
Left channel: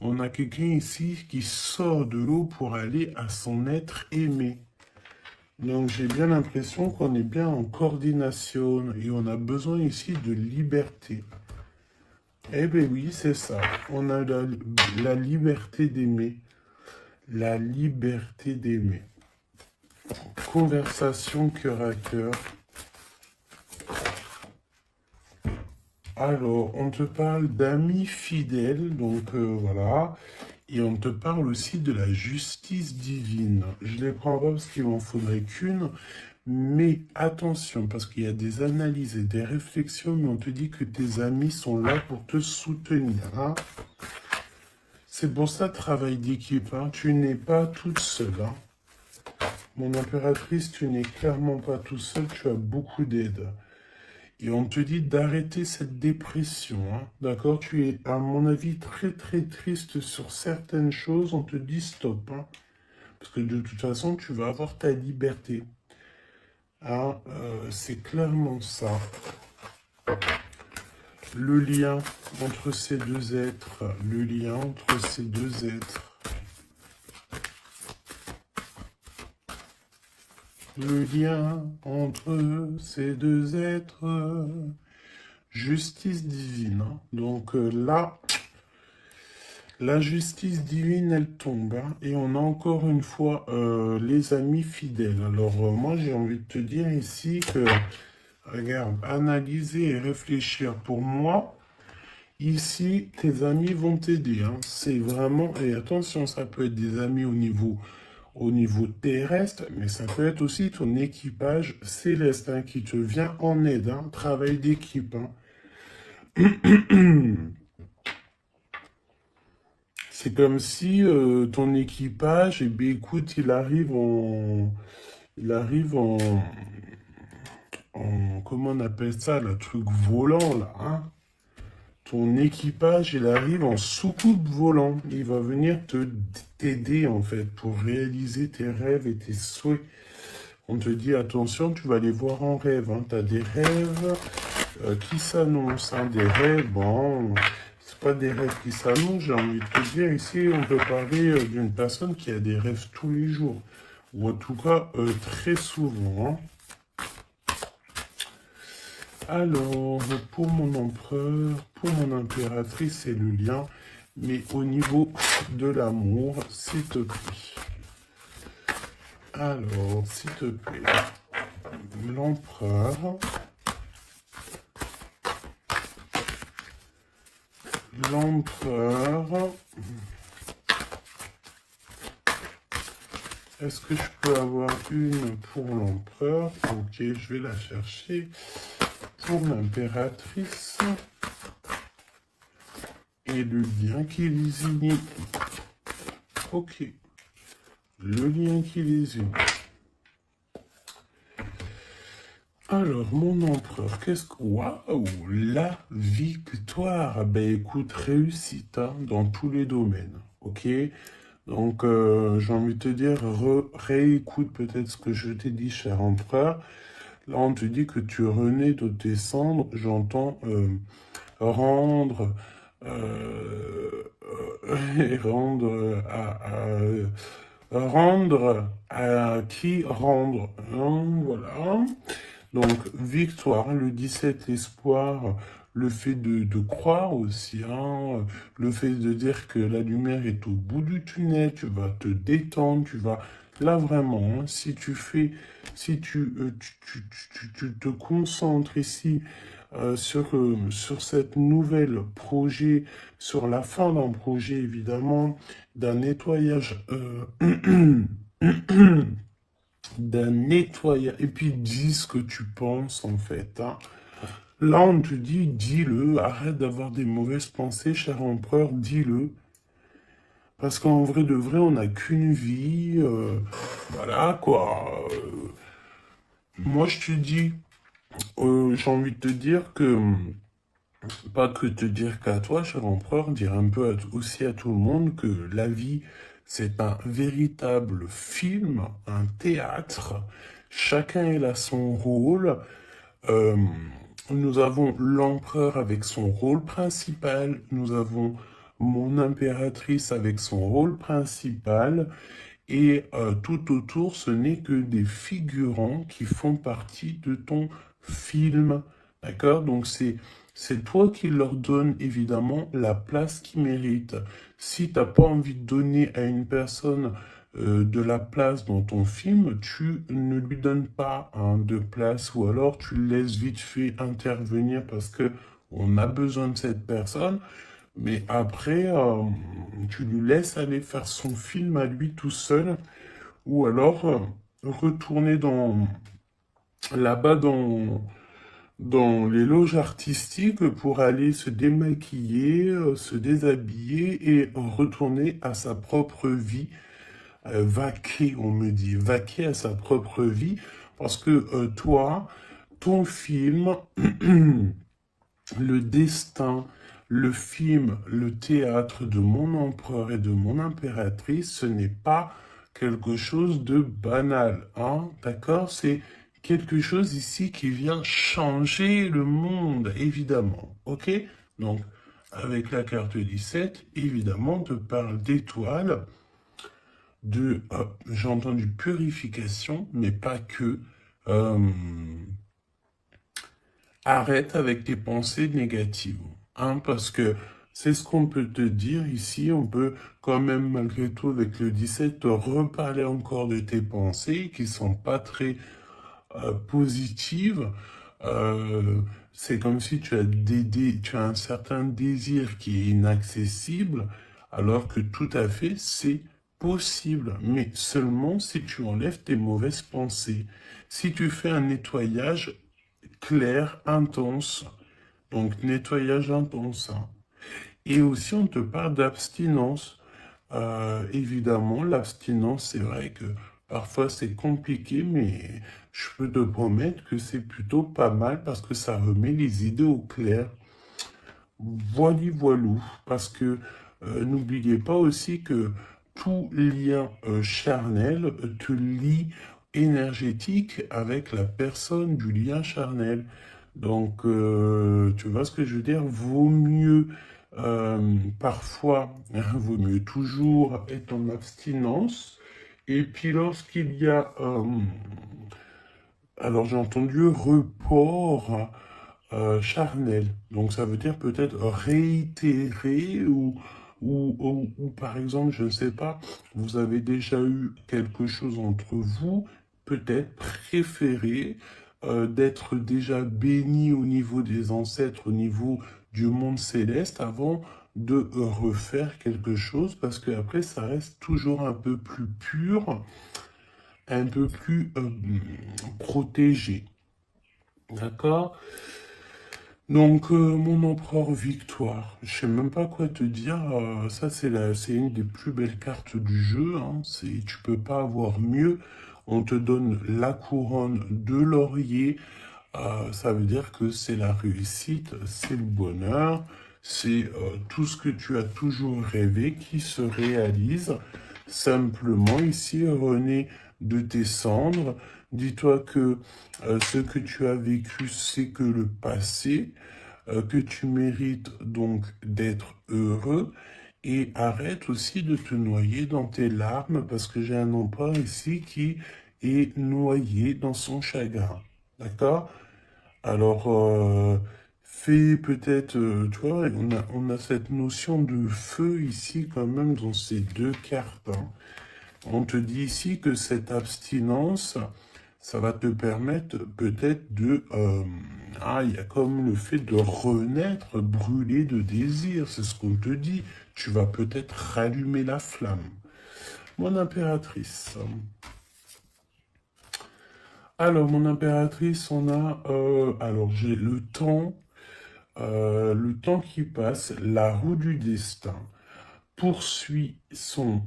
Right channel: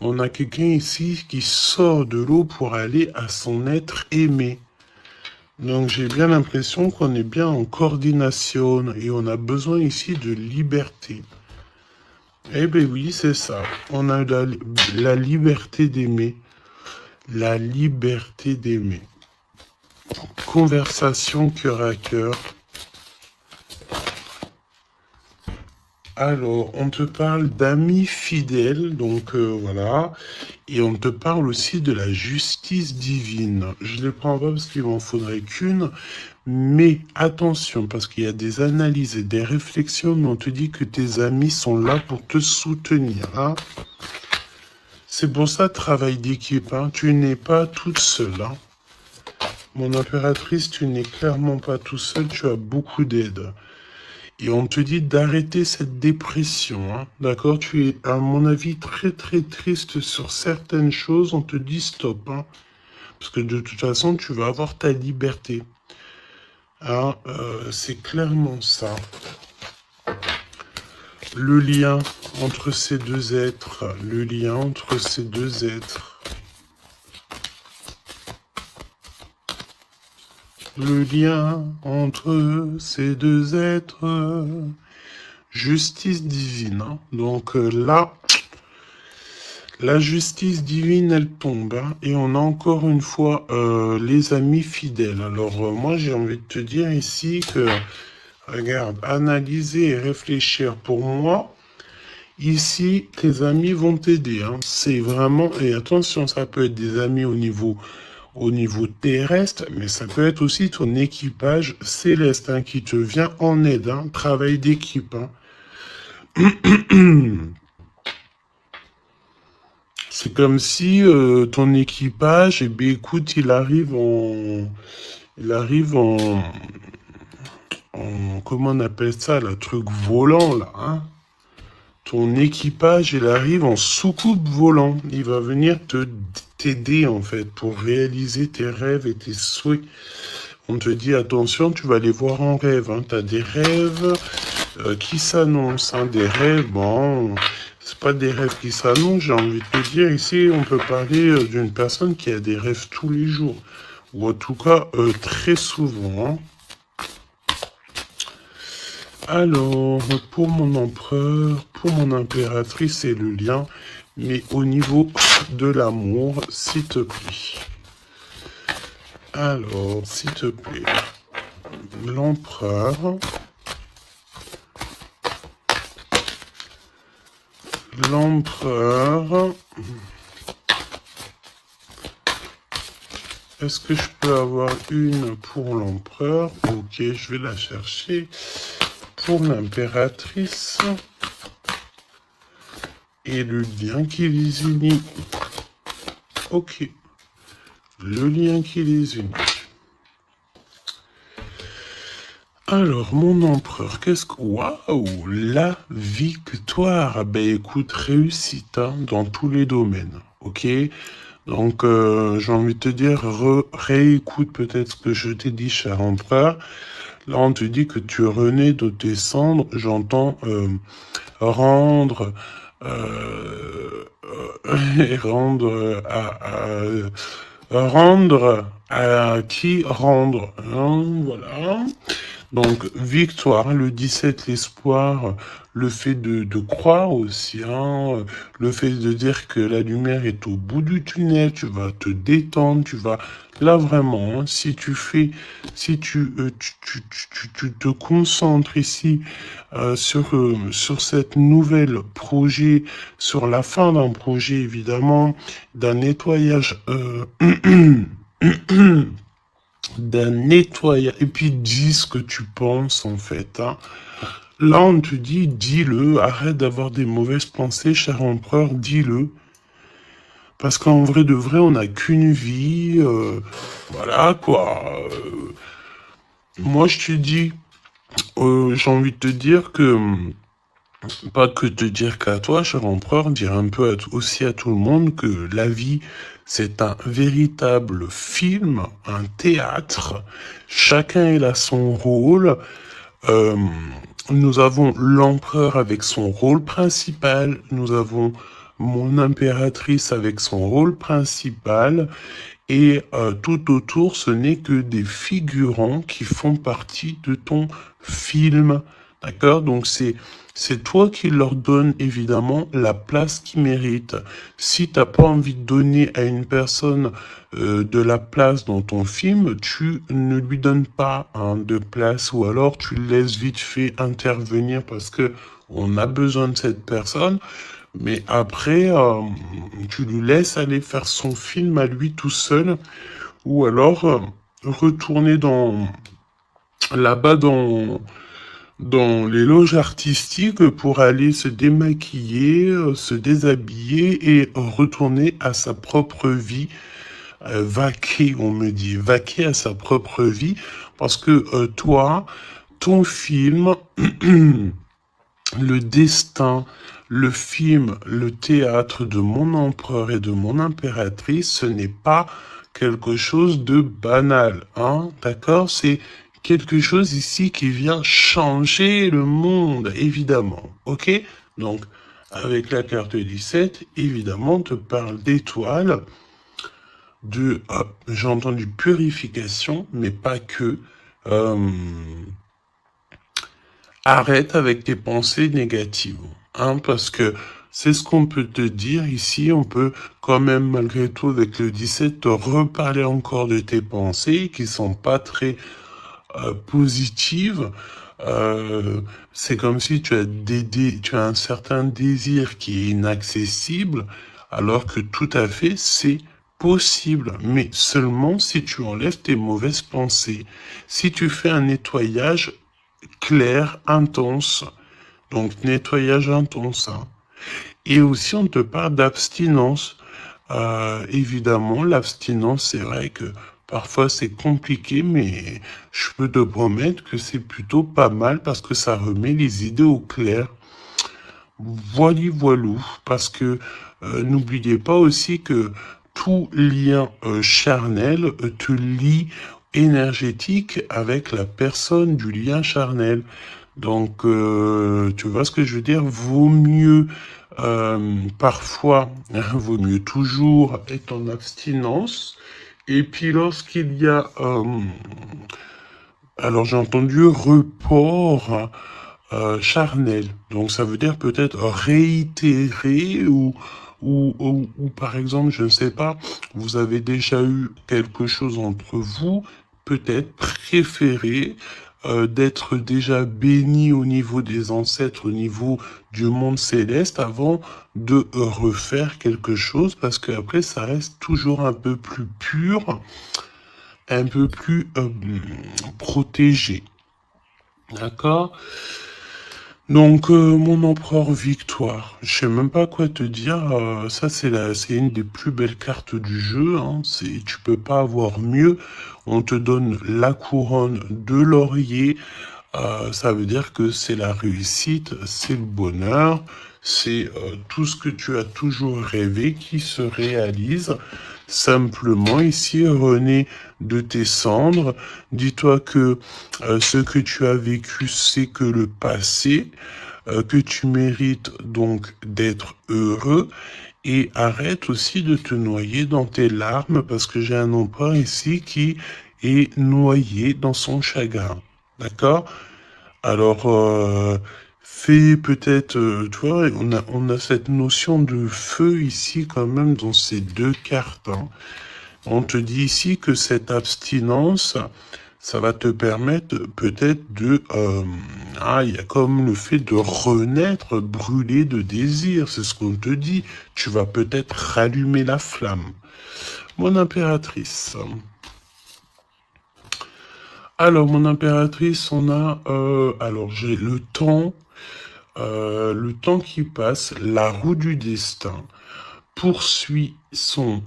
on a quelqu'un ici qui sort de l'eau pour aller à son être aimé. Donc j'ai bien l'impression qu'on est bien en coordination et on a besoin ici de liberté. Eh bien oui, c'est ça. On a la liberté d'aimer. La liberté d'aimer. Conversation cœur à cœur. Alors, on te parle d'amis fidèles, donc voilà. Et on te parle aussi de la justice divine. Je ne les prends pas parce qu'il m'en faudrait qu'une. Mais attention, parce qu'il y a des analyses et des réflexions, mais on te dit que tes amis sont là pour te soutenir. Hein. C'est pour ça, travail d'équipe. Hein. Tu n'es pas toute seule. Hein. Mon impératrice, tu n'es clairement pas tout seul, tu as beaucoup d'aide. Et on te dit d'arrêter cette dépression, hein. D'accord? Tu es, à mon avis, très très triste sur certaines choses. On te dit stop, hein. Parce que de toute façon, tu vas avoir ta liberté. Hein, c'est clairement ça. Le lien entre ces deux êtres, le lien entre ces deux êtres. Le lien entre ces deux êtres. Justice divine. Hein. Donc là, la justice divine, elle tombe. Hein, et on a encore une fois les amis fidèles. Alors moi, j'ai envie de te dire ici que, regarde, analyser et réfléchir pour moi. Ici, tes amis vont t'aider. Hein. C'est vraiment... Et attention, ça peut être des amis au niveau terrestre, mais ça peut être aussi ton équipage céleste hein, qui te vient en aide. Hein. Travail d'équipe. Hein. C'est comme si ton équipage, eh bien, écoute, il arrive comment on appelle ça, le truc volant, là, hein. Ton équipage, il arrive en soucoupe volant. Il va venir t'aider, en fait, pour réaliser tes rêves et tes souhaits. On te dit, attention, tu vas les voir en rêve. Hein. Tu as des rêves qui s'annoncent. Hein. Des rêves, bon, c'est pas des rêves qui s'annoncent, j'ai envie de te dire. Ici, on peut parler d'une personne qui a des rêves tous les jours. Ou en tout cas, très souvent. Hein. Alors, pour mon empereur, pour mon impératrice, c'est le lien. Mais au niveau de l'amour, s'il te plaît. Alors, s'il te plaît. L'empereur. L'empereur. Est-ce que je peux avoir une pour l'empereur? Ok, je vais la chercher. Pour l'impératrice. Et le lien qui les unit. Ok. Le lien qui les unit. Alors, mon empereur, qu'est-ce que... Waouh! La victoire! Ben écoute, réussite hein, dans tous les domaines. Ok? Donc, j'ai envie de te dire, réécoute peut-être ce que je t'ai dit, cher empereur. Là, on te dit que tu renais de tes cendres. J'entends rendre... et rendre rendre à qui rendre. Hein, voilà. Donc, victoire, le 17, l'espoir, le fait de croire aussi, hein, le fait de dire que la lumière est au bout du tunnel, tu vas te détendre, tu vas... Là, vraiment, hein, si tu fais, si tu te concentres ici sur cette nouvelle projet, sur la fin d'un projet, évidemment, d'un nettoyage... d'un nettoyage. Et puis dis ce que tu penses en fait. Hein. Là, on te dit, dis-le, arrête d'avoir des mauvaises pensées, cher empereur, dis-le. Parce qu'en vrai de vrai, on n'a qu'une vie. Voilà quoi. Moi, je te dis, j'ai envie de te dire que, pas que te dire qu'à toi, cher empereur, dire un peu aussi à tout le monde que la vie, c'est un véritable film, un théâtre. Chacun il a son rôle. Euh, nous avons l'empereur avec son rôle principal. Nous avons mon impératrice avec son rôle principal. Et tout autour, ce n'est que des figurants qui font partie de ton film. D'accord? Donc c'est toi qui leur donne évidemment la place qu'ils méritent. Si tu n'as pas envie de donner à une personne de la place dans ton film, tu ne lui donnes pas hein, de place ou alors tu le laisses vite fait intervenir parce que on a besoin de cette personne. Mais après, tu lui laisses aller faire son film à lui tout seul, ou alors retourner là-bas dans les loges artistiques pour aller se démaquiller, se déshabiller et retourner à sa propre vie, vaquer, on me dit, vaquer à sa propre vie, parce que toi, ton film, le destin, le film, le théâtre de mon empereur et de mon impératrice, ce n'est pas quelque chose de banal, hein, d'accord? C'est quelque chose ici qui vient changer le monde, évidemment. Ok? Donc, avec la carte 17, évidemment, on te parle d'étoiles, j'ai entendu purification, mais pas que. Euh, Arrête avec tes pensées négatives, hein, parce que c'est ce qu'on peut te dire ici. On peut quand même, malgré tout, avec le 17, te reparler encore de tes pensées qui sont pas très positives. Euh, c'est comme si tu as un certain désir qui est inaccessible, alors que tout à fait, c'est possible, mais seulement si tu enlèves tes mauvaises pensées. Si tu fais un nettoyage clair, intense. Donc, nettoyage intense, hein. Et aussi, on te parle d'abstinence. Évidemment, l'abstinence, c'est vrai que parfois c'est compliqué, mais je peux te promettre que c'est plutôt pas mal parce que ça remet les idées au clair. Voili voilou, parce que n'oubliez pas aussi que tout lien charnel te lie énergétique avec la personne du lien charnel. Donc, tu vois ce que je veux dire? Vaut mieux parfois, vaut mieux toujours être en abstinence. Et puis lorsqu'il y a, alors j'ai entendu report charnel. Donc ça veut dire peut-être réitérer ou par exemple, je ne sais pas, vous avez déjà eu quelque chose entre vous, peut-être préféré d'être déjà béni au niveau des ancêtres, au niveau du monde céleste avant de refaire quelque chose parce que après ça reste toujours un peu plus pur, un peu plus protégé. D'accord? Donc, mon empereur Victoire, je sais même pas quoi te dire. Ça, c'est une des plus belles cartes du jeu, hein. Tu peux pas avoir mieux. On te donne la couronne de laurier. Ça veut dire que c'est la réussite, c'est le bonheur, c'est tout ce que tu as toujours rêvé qui se réalise. Simplement, ici, René, de tes cendres, dis-toi que ce que tu as vécu, c'est que le passé, que tu mérites donc d'être heureux et arrête aussi de te noyer dans tes larmes parce que j'ai un empereur ici qui est noyé dans son chagrin. D'accord? Alors, fais peut-être, tu vois, on a cette notion de feu ici quand même dans ces deux cartes, hein. On te dit ici que cette abstinence, ça va te permettre peut-être de... il y a comme le fait de renaître brûlé de désir, c'est ce qu'on te dit. Tu vas peut-être rallumer la flamme. Mon impératrice. Alors, mon impératrice, on a... alors, j'ai le temps qui passe, la roue du destin poursuit son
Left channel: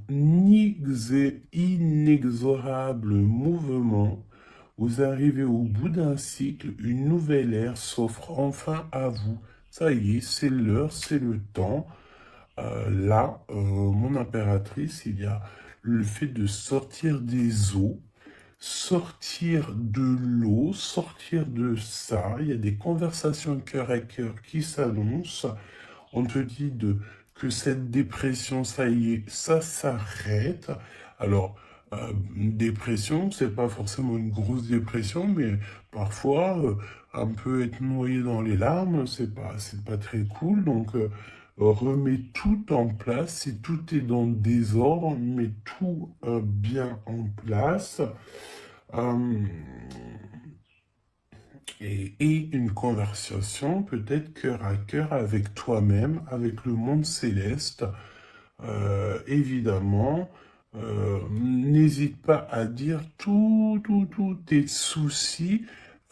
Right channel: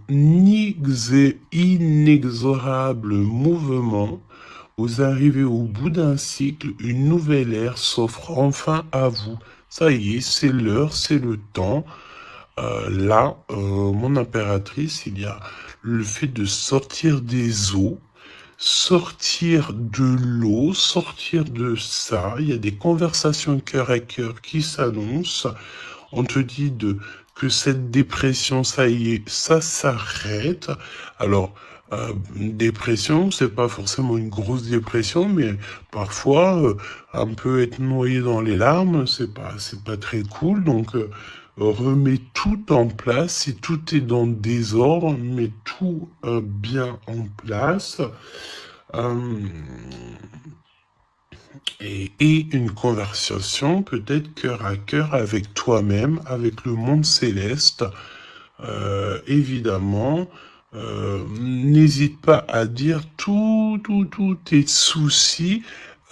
inexorable mouvement. Vous arrivez au bout d'un cycle, une nouvelle ère s'offre enfin à vous. Ça y est, c'est l'heure, c'est le temps. Là, mon impératrice, il y a le fait de sortir des eaux, sortir de l'eau, sortir de ça. Il y a des conversations cœur à cœur qui s'annoncent. On te dit que cette dépression, ça y est, ça s'arrête. Alors, une dépression, c'est pas forcément une grosse dépression, mais parfois, un peu être noyé dans les larmes, c'est pas très cool. Donc, remets tout en place. Si tout est dans le désordre, mets tout bien en place. Euh, et une conversation peut-être cœur à cœur avec toi-même, avec le monde céleste. Évidemment, n'hésite pas à dire tous tes soucis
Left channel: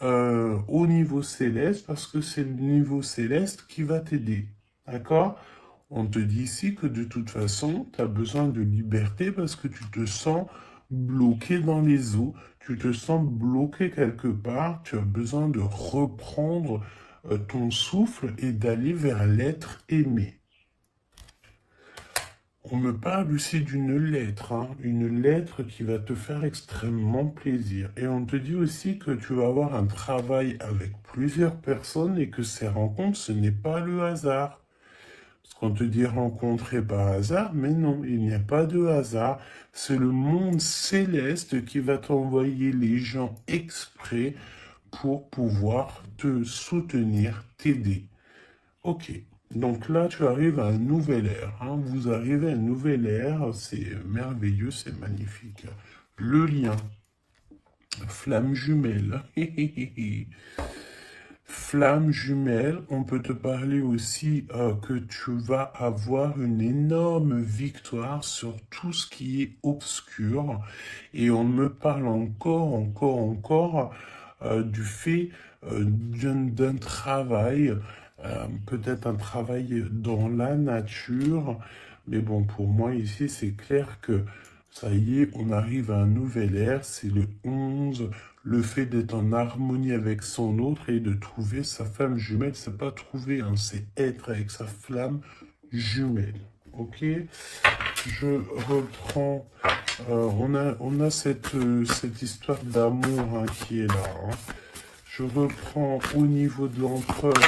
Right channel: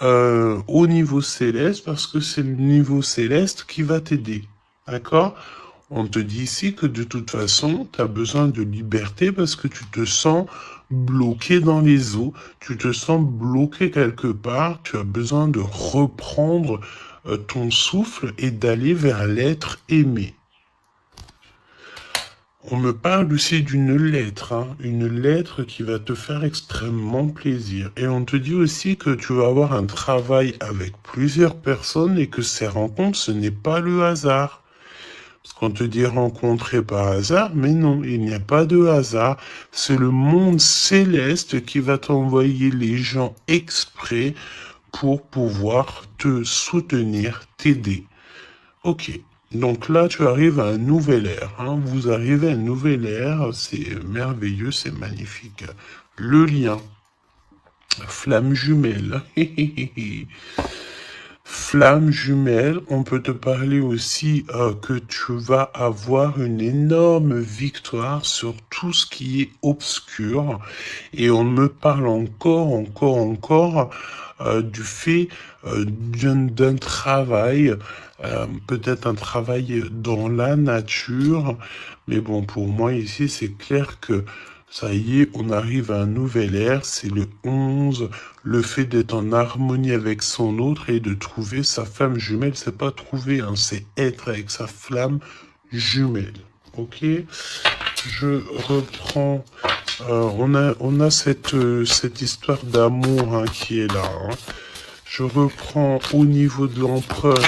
au niveau céleste parce que c'est le niveau céleste qui va t'aider. D'accord? On te dit ici que de toute façon, tu as besoin de liberté parce que tu te sens bloqué dans les eaux, tu te sens bloqué quelque part, tu as besoin de reprendre ton souffle et d'aller vers l'être aimé. On me parle aussi d'une lettre, hein, une lettre qui va te faire extrêmement plaisir. Et on te dit aussi que tu vas avoir un travail avec plusieurs personnes et que ces rencontres, ce n'est pas le hasard. Parce qu'on te dit rencontrer par hasard, mais non, il n'y a pas de hasard. C'est le monde céleste qui va t'envoyer les gens exprès pour pouvoir te soutenir, t'aider. Ok, donc là tu arrives à un nouvel ère, hein. Vous arrivez à un nouvel ère, c'est merveilleux, c'est magnifique. Le lien, flamme jumelle. Flamme jumelle, on peut te parler aussi que tu vas avoir une énorme victoire sur tout ce qui est obscur. Et on me parle encore du fait d'un travail, peut-être un travail dans la nature. Mais bon, pour moi ici, c'est clair que ça y est, on arrive à un nouvel ère, c'est le 11. Le fait d'être en harmonie avec son autre et de trouver sa flamme jumelle, c'est pas trouver, hein, c'est être avec sa flamme jumelle. Ok, je reprends. On a cette histoire d'amour, hein, qui est là, hein. Je reprends au niveau de l'empereur.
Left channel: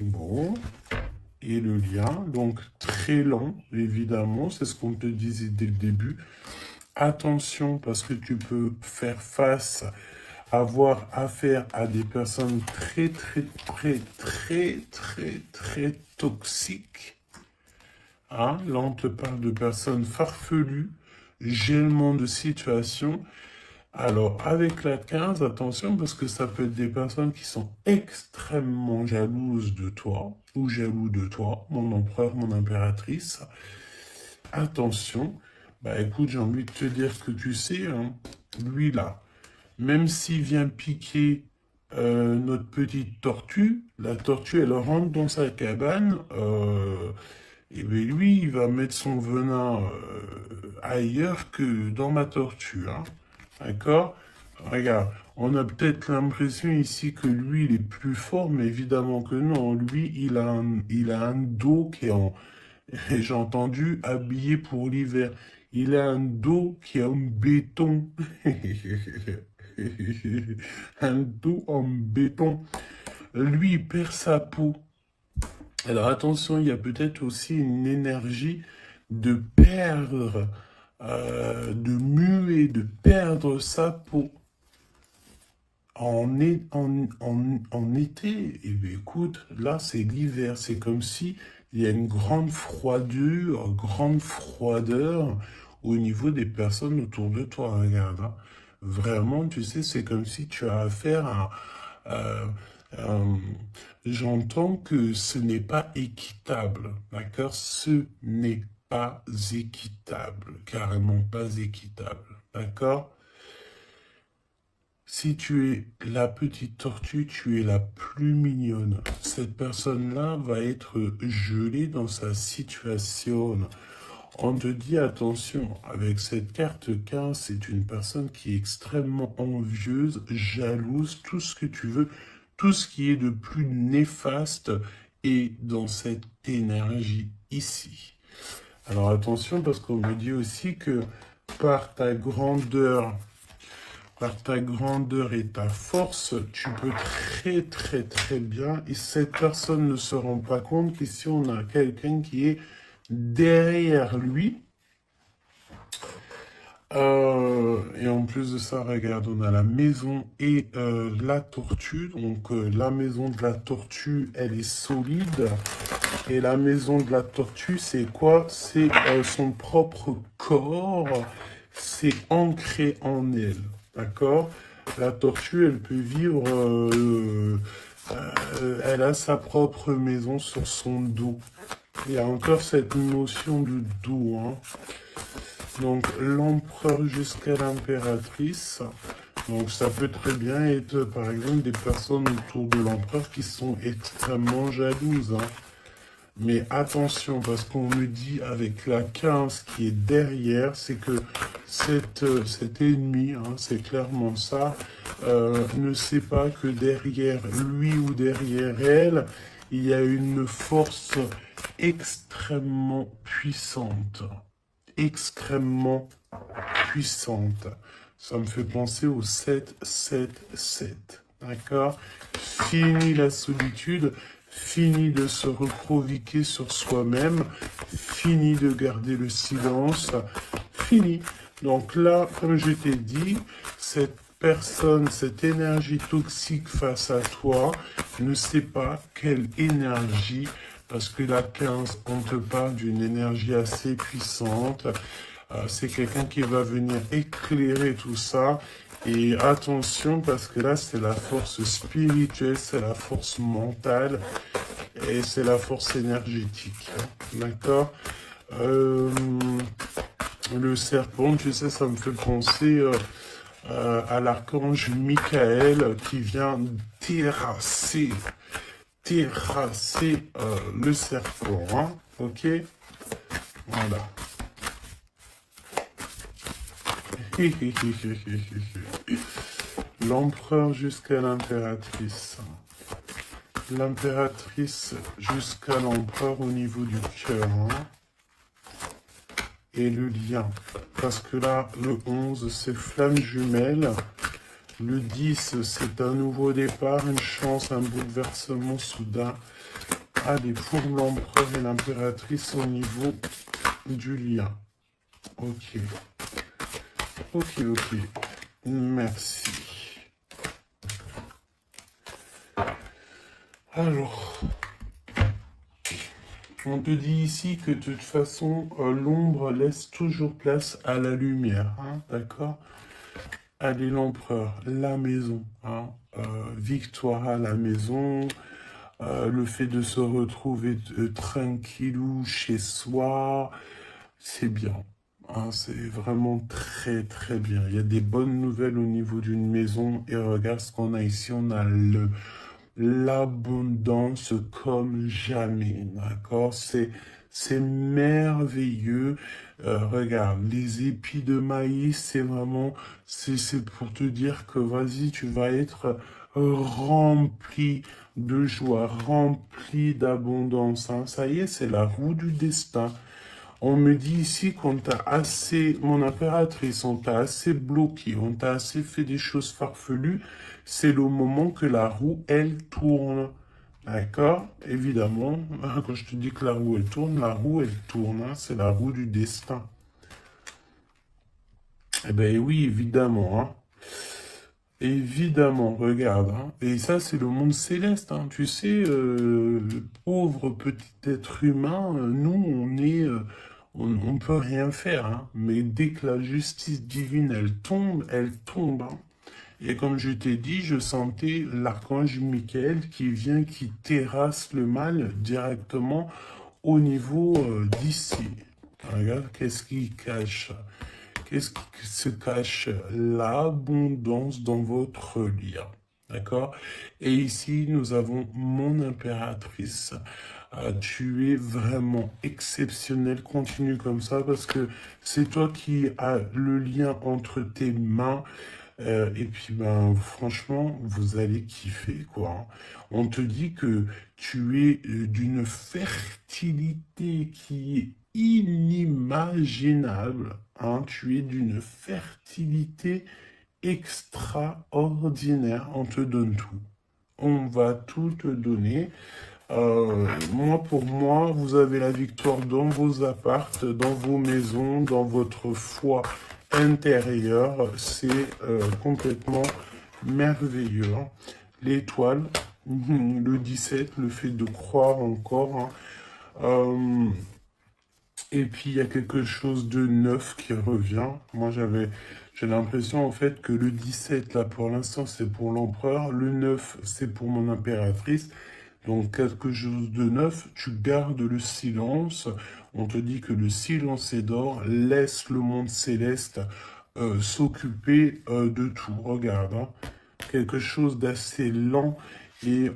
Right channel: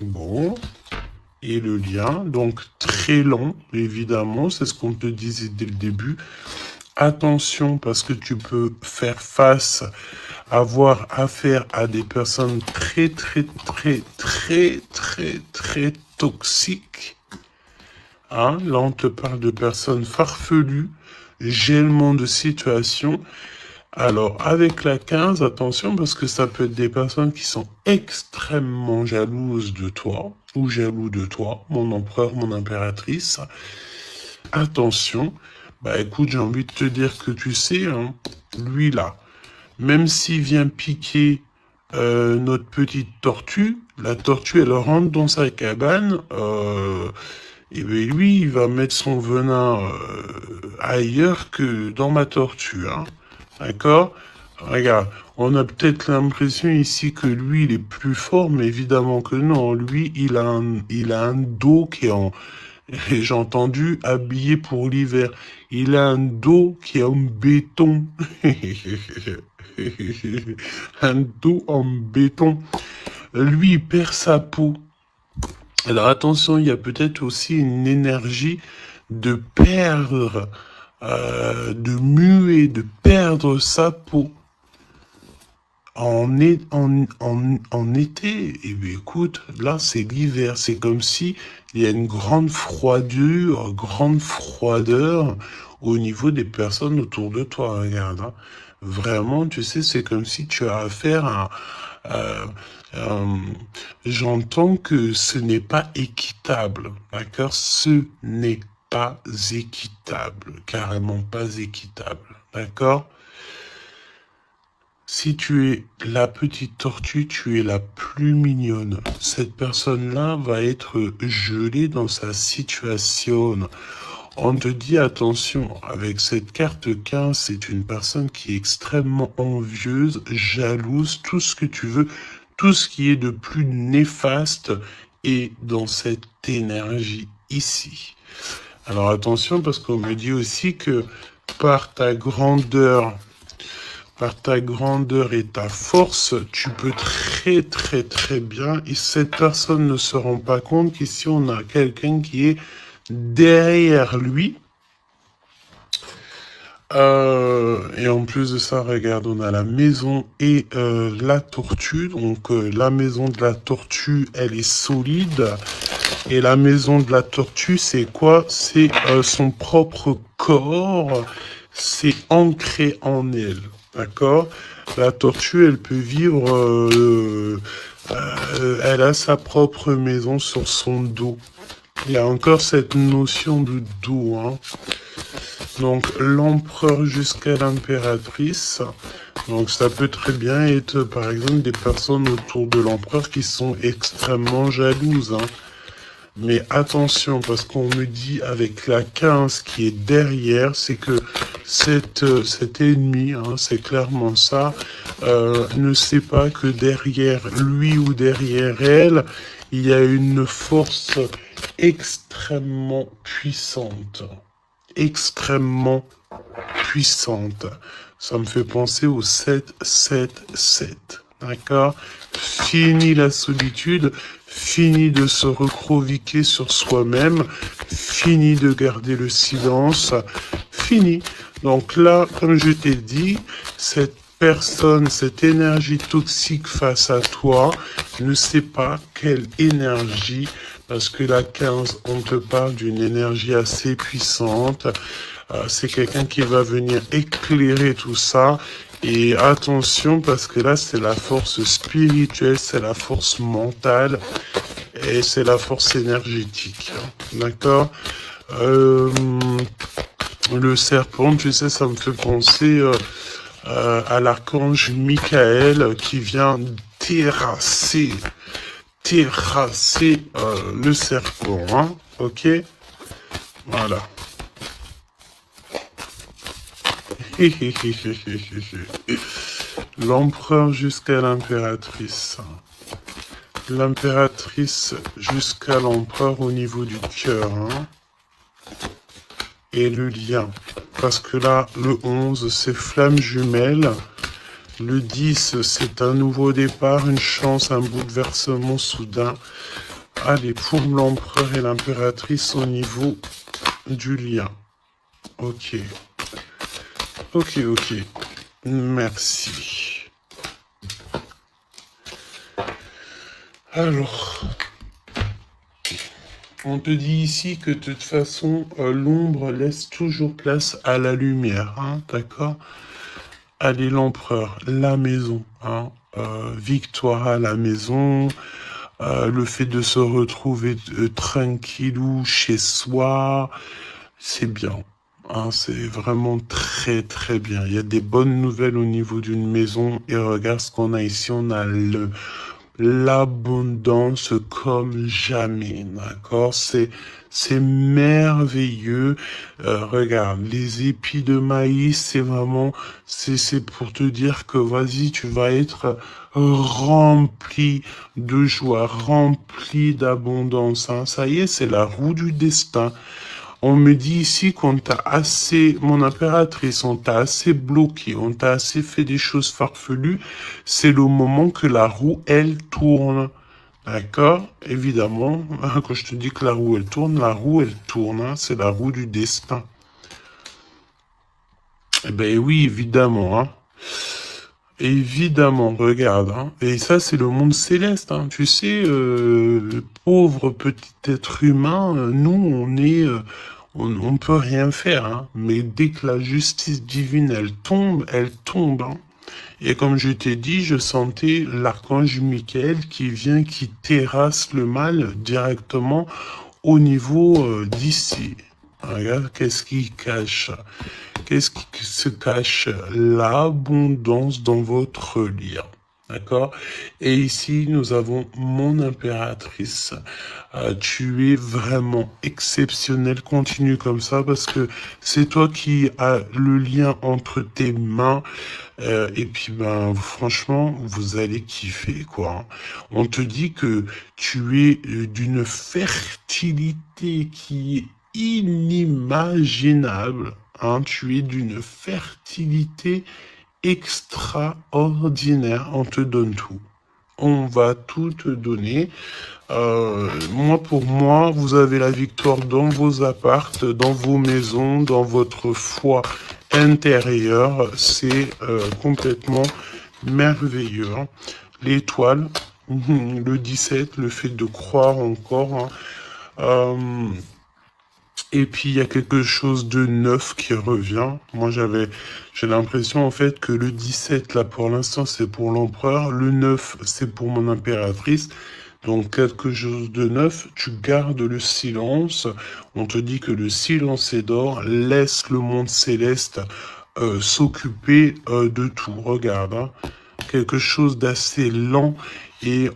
Bon. Et le lien, donc très long, évidemment, c'est ce qu'on te disait dès le début. Attention, parce que tu peux faire face, avoir affaire à des personnes très toxiques. Hein? Là, on te parle de personnes farfelues, gèlement de situation. Alors, avec la 15, attention, parce que ça peut être des personnes qui sont extrêmement jalouses de toi, ou jaloux de toi, mon empereur, mon impératrice. Attention, bah écoute, j'ai envie de te dire que tu sais, hein, lui là, même s'il vient piquer notre petite tortue, la tortue, elle rentre dans sa cabane, et bien lui, il va mettre son venin ailleurs que dans ma tortue, hein. D'accord? Regarde, on a peut-être l'impression ici que lui, il est plus fort, mais évidemment que non. Lui, il a un dos qui est en... J'ai entendu habillé pour l'hiver. Il a un dos qui est en béton. Un dos en béton. Lui, il perd sa peau. Alors attention, il y a peut-être aussi une énergie de perdre, de muer, de perdre sa peau. En été, et bien écoute, là c'est l'hiver, c'est comme si il y a une grande froideur au niveau des personnes autour de toi, regarde, hein. Vraiment, tu sais, c'est comme si tu as affaire à... euh, euh, j'entends que ce n'est pas équitable, d'accord? Ce n'est pas équitable, carrément pas équitable, d'accord? Si tu es la petite tortue, tu es la plus mignonne. Cette personne-là va être gelée dans sa situation. On te dit attention, avec cette carte 15, c'est une personne qui est extrêmement envieuse, jalouse, tout ce que tu veux, tout ce qui est de plus néfaste est dans cette énergie ici. Alors attention, parce qu'on me dit aussi que par ta grandeur et ta force, tu peux très bien, et cette personne ne se rend pas compte qu'ici on a quelqu'un qui est derrière lui. Et en plus de ça, regarde, on a la maison et la tortue. Donc la maison de la tortue, elle est solide. Et la maison de la tortue, c'est quoi? C'est son propre corps. C'est ancré en elle. D'accord? La tortue, elle peut vivre... elle a sa propre maison sur son dos. Il y a encore cette notion de dos, hein. Donc l'empereur jusqu'à l'impératrice. Donc ça peut très bien être par exemple des personnes autour de l'empereur qui sont extrêmement jalouses, hein. Mais attention, parce qu'on me dit avec la 15 qui est derrière, c'est que cet ennemi, hein, c'est clairement ça, ne sait pas que derrière lui ou derrière elle, il y a une force extrêmement puissante. Extrêmement puissante. Ça me fait penser au 7-7-7. D'accord? Fini la solitude, fini de se recroqueviller sur soi-même, fini de garder le silence, fini. Donc là, comme je t'ai dit, cette personne, cette énergie toxique face à toi, ne sait pas quelle énergie, parce que la 15, on te parle d'une énergie assez puissante. C'est quelqu'un qui va venir éclairer tout ça. Et attention, parce que là, c'est la force spirituelle, c'est la force mentale et c'est la force énergétique. D'accord? Le serpent, tu sais, ça me fait penser à l'archange Michael qui vient terrasser le serpent. Hein? Ok? Voilà. L'empereur jusqu'à l'impératrice. L'impératrice jusqu'à l'empereur au niveau du cœur. Hein. Et le lien. Parce que là, le 11, c'est flamme jumelle. Le 10, c'est un nouveau départ, une chance, un bouleversement soudain. Allez, pour l'empereur et l'impératrice au niveau du lien. Ok. Ok. Merci. Alors, on te dit ici que de toute façon, l'ombre laisse toujours place à la lumière, hein, d'accord? Allez, l'empereur, la maison, hein, victoire à la maison, le fait de se retrouver tranquillou chez soi, c'est bien. Hein, c'est vraiment très bien. Il y a des bonnes nouvelles au niveau d'une maison et regarde ce qu'on a ici. On a l'abondance comme jamais, d'accord? C'est merveilleux. Regarde, les épis de maïs, c'est vraiment, c'est pour te dire que vas-y, tu vas être rempli de joie, rempli d'abondance. Hein. Ça y est, c'est la roue du destin. On me dit ici qu'on t'a assez, mon impératrice, on t'a assez bloqué, on t'a assez fait des choses farfelues. C'est le moment que la roue, elle tourne. D'accord? Évidemment, quand je te dis que la roue, elle tourne. Hein, c'est la roue du destin. Eh bien oui, évidemment. Hein. Évidemment, regarde. Hein. Et ça, c'est le monde céleste. Hein. Tu sais, le pauvre petit être humain, nous, on est... on ne peut rien faire, hein. Mais dès que la justice divine, elle tombe. Hein. Et comme je t'ai dit, je sentais l'archange Michael qui vient, qui terrasse le mal directement au niveau d'ici. Regarde, qu'est-ce qui cache? Qu'est-ce qui se cache? L'abondance dans votre lien. D'accord? Et ici, nous avons mon impératrice. Tu es vraiment exceptionnel. Continue comme ça parce que c'est toi qui as le lien entre tes mains. Et puis, ben, franchement, vous allez kiffer, quoi. On te dit que tu es d'une fertilité qui est inimaginable. Hein, tu es d'une fertilité extraordinaire. On te donne tout. On va tout te donner. Moi, pour moi, vous avez la victoire dans vos appartes, dans vos maisons, dans votre foi intérieure. C'est complètement merveilleux. Hein. L'étoile, le 17, le fait de croire encore. Hein. Et puis, il y a quelque chose de neuf qui revient. Moi, j'ai l'impression, en fait, que le 17, là, pour l'instant, c'est pour l'empereur. Le 9, c'est pour mon impératrice. Donc, quelque chose de neuf. Tu gardes le silence. On te dit que le silence est d'or. Laisse le monde céleste s'occuper de tout. Regarde, hein. Quelque chose d'assez lent. Et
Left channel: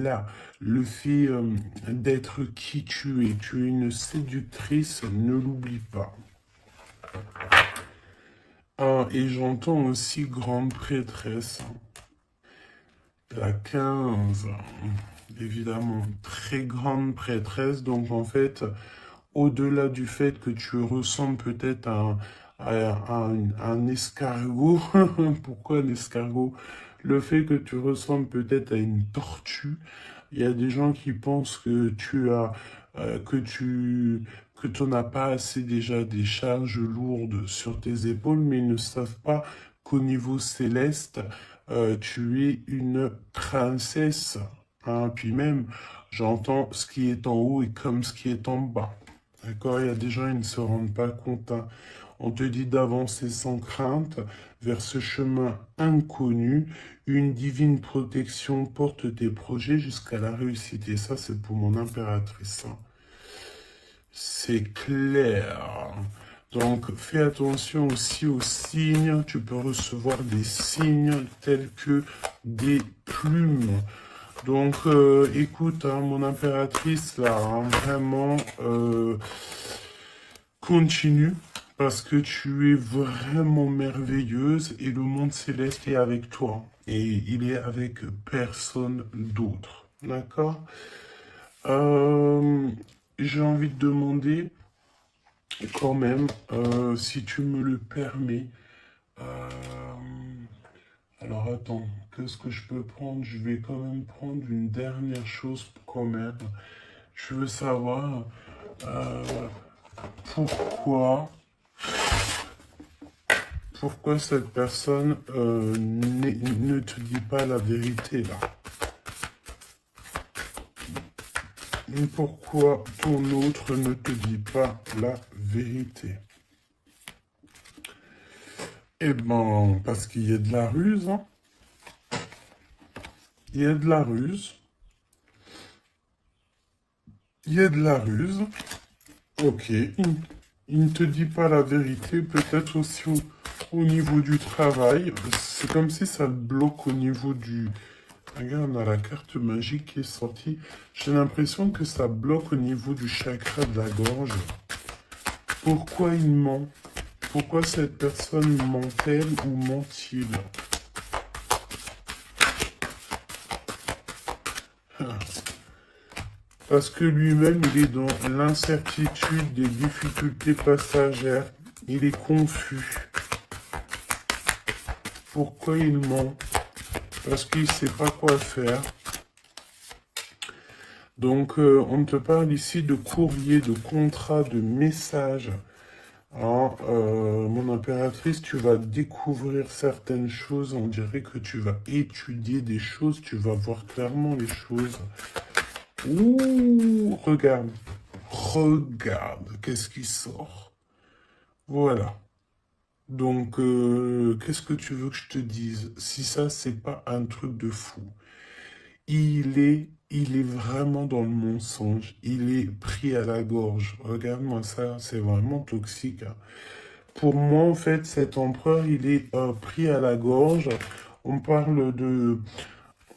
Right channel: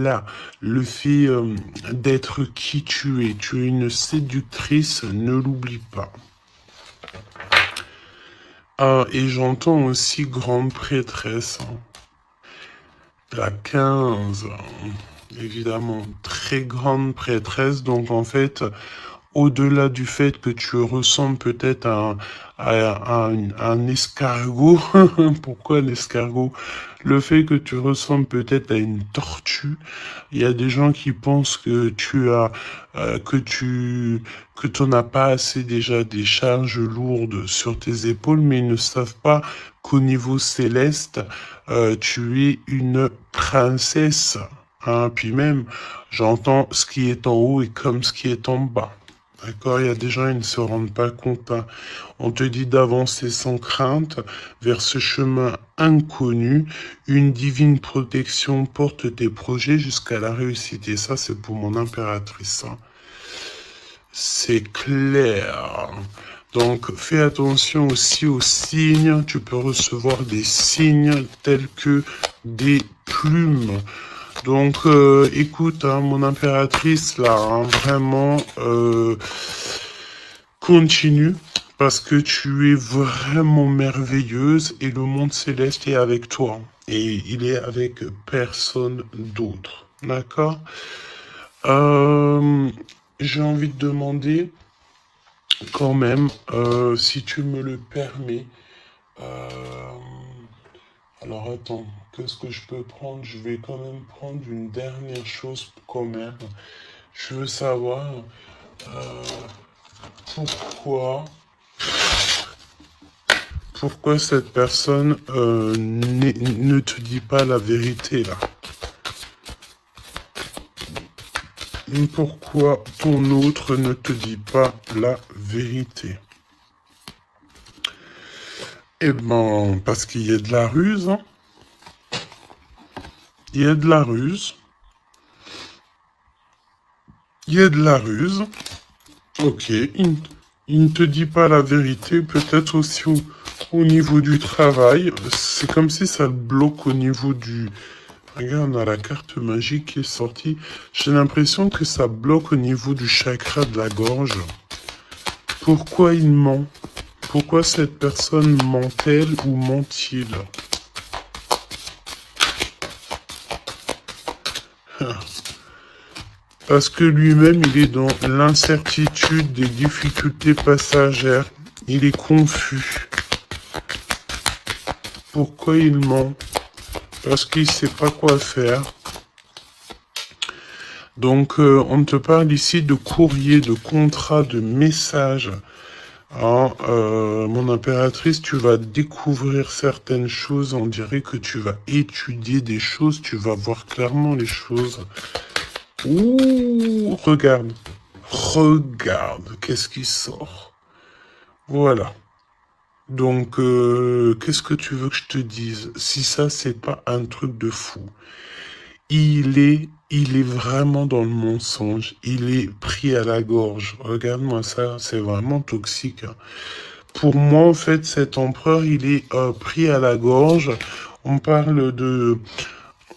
là, le fait d'être qui tu es une séductrice, ne l'oublie pas. Ah, et j'entends aussi grande prêtresse. La 15. évidemment, très grande prêtresse. Donc, en fait, au-delà du fait que tu ressembles peut-être à un escargot, pourquoi l'escargot? Le fait que tu ressembles peut-être à une tortue, il y a des gens qui pensent que tu as, que tu n'as pas assez déjà des charges lourdes sur tes épaules, mais ils ne savent pas qu'au niveau céleste, tu es une princesse. Hein. Puis même, j'entends ce qui est en haut et comme ce qui est en bas. D'accord, il y a des gens, ils ne se rendent pas compte. Hein. On te dit d'avancer sans crainte vers ce chemin inconnu. Une divine protection porte tes projets jusqu'à la réussite. Et ça, c'est pour mon impératrice. Hein. C'est clair. Donc, fais attention aussi aux signes. Tu peux recevoir des signes tels que des plumes. Donc, écoute, hein, mon impératrice, là, hein, vraiment, continue, parce que tu es vraiment merveilleuse et le monde céleste est avec toi. Et il est avec personne d'autre. D'accord? Euh, j'ai envie de demander, quand même, si tu me le permets, euh, alors attends, qu'est-ce que je peux prendre? Je vais quand même prendre une dernière chose quand même. Je veux savoir euh, pourquoi, pourquoi cette personne ne te dit pas la vérité là. Pourquoi ton autre ne te dit pas la vérité? Eh ben, parce qu'il y a de la ruse. Hein. Il y a de la ruse. Il y a de la ruse. Ok, il ne te dit pas la vérité, peut-être aussi au niveau du travail. C'est comme si ça le bloque au niveau du... Regarde, on a la carte magique qui est sortie. J'ai l'impression que ça bloque au niveau du chakra de la gorge. Pourquoi il ment? Pourquoi cette personne ment-elle ou ment-il? Parce que lui-même, il est dans l'incertitude des difficultés passagères. Il est confus. Pourquoi il ment? Parce qu'il ne sait pas quoi faire. Donc, on te parle ici de courrier, de contrat, de message. Hein, mon impératrice, tu vas découvrir certaines choses. On dirait que tu vas étudier des choses. Tu vas voir clairement les choses. Ouh, regarde. Regarde, qu'est-ce qui sort? Voilà. Donc, qu'est-ce que tu veux que je te dise? Si ça, c'est pas un truc de fou. Il est vraiment dans le mensonge. Il est pris à la gorge. Regarde-moi ça, c'est vraiment toxique. Hein. Pour moi, en fait, cet empereur, il est pris à la gorge. On parle de,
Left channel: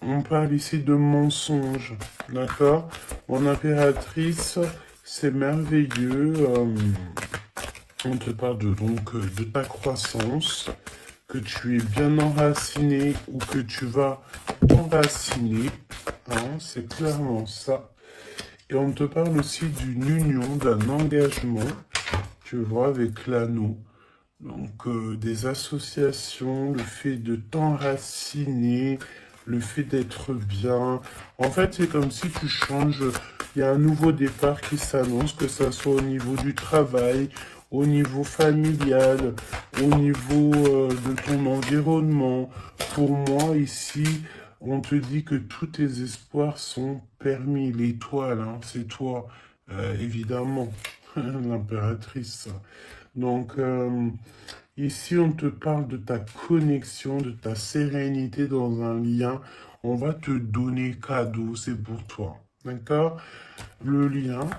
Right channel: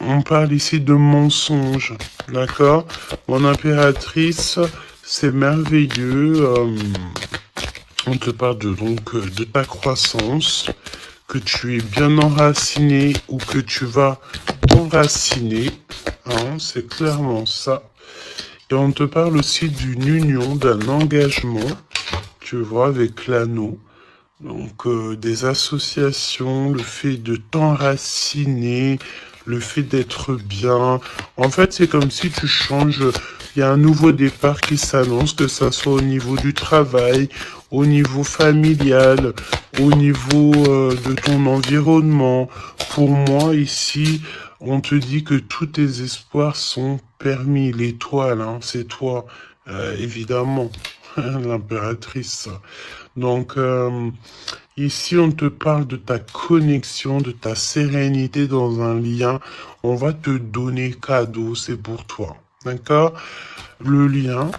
on parle ici de mensonge, d'accord? Mon impératrice, c'est merveilleux. On te parle de ta croissance, que tu es bien enraciné ou que tu vas t'enraciner. Hein, c'est clairement ça. Et on te parle aussi d'une union, d'un engagement, tu vois, avec l'anneau. Donc, des associations, le fait de t'enraciner, le fait d'être bien. En fait, c'est comme si tu changes. Il y a un nouveau départ qui s'annonce, que ça soit au niveau du travail, au niveau familial, au niveau de ton environnement. Pour moi, ici, on te dit que tous tes espoirs sont permis. L'étoile, hein, c'est toi, évidemment, l'impératrice. Donc, ici, on te parle de ta connexion, de ta sérénité dans un lien. On va te donner cadeau, c'est pour toi. D'accord? Le lien.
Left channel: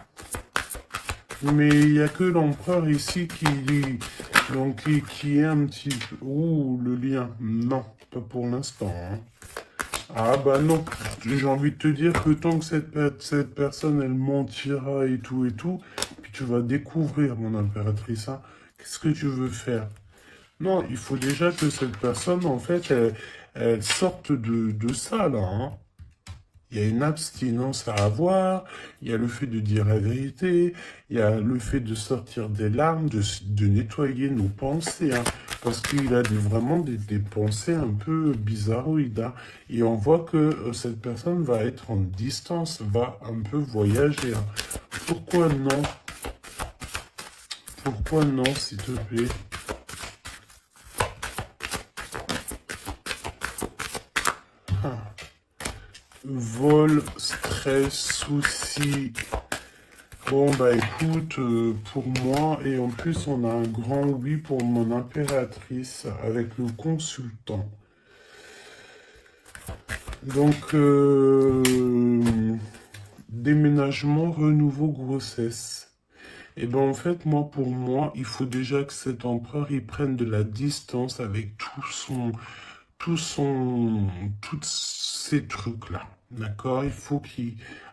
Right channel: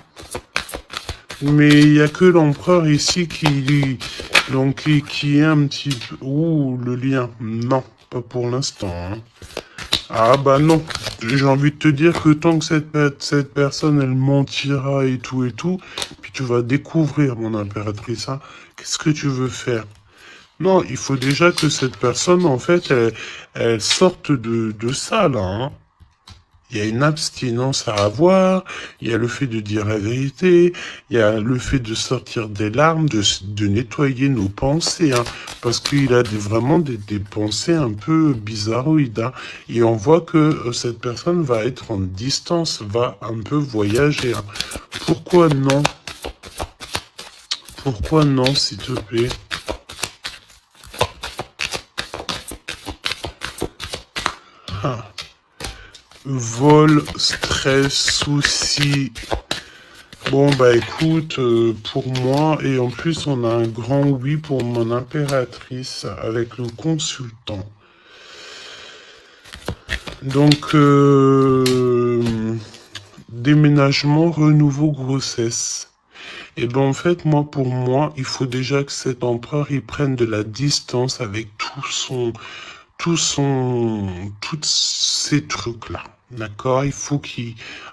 Mais il n'y a que l'empereur ici donc, qui est un petit peu... Oh, le lien. Non, pas pour l'instant. Hein. Ah bah non. J'ai envie de te dire que tant que cette personne, elle mentira et tout, puis tu vas découvrir, mon impératrice, hein, qu'est-ce que tu veux faire? Non, il faut déjà que cette personne, en fait, elle sorte de ça, là. Hein. Il y a une abstinence à avoir, il y a le fait de dire la vérité, il y a le fait de sortir des larmes, de nettoyer nos pensées, hein, parce qu'il a vraiment des pensées un peu bizarroïdes. Hein, et on voit que cette personne va être en distance, va un peu voyager. Hein. Pourquoi non? Pourquoi non, s'il te plaît? Ah. Vol, stress, soucis. Bon, bah écoute, pour moi, et en plus, on a un grand oui pour mon impératrice avec le consultant. Donc, déménagement, renouveau, grossesse. Et ben en fait, moi, pour moi, il faut déjà que cet empereur, il prenne de la distance avec tous ces trucs-là. D'accord? Il faut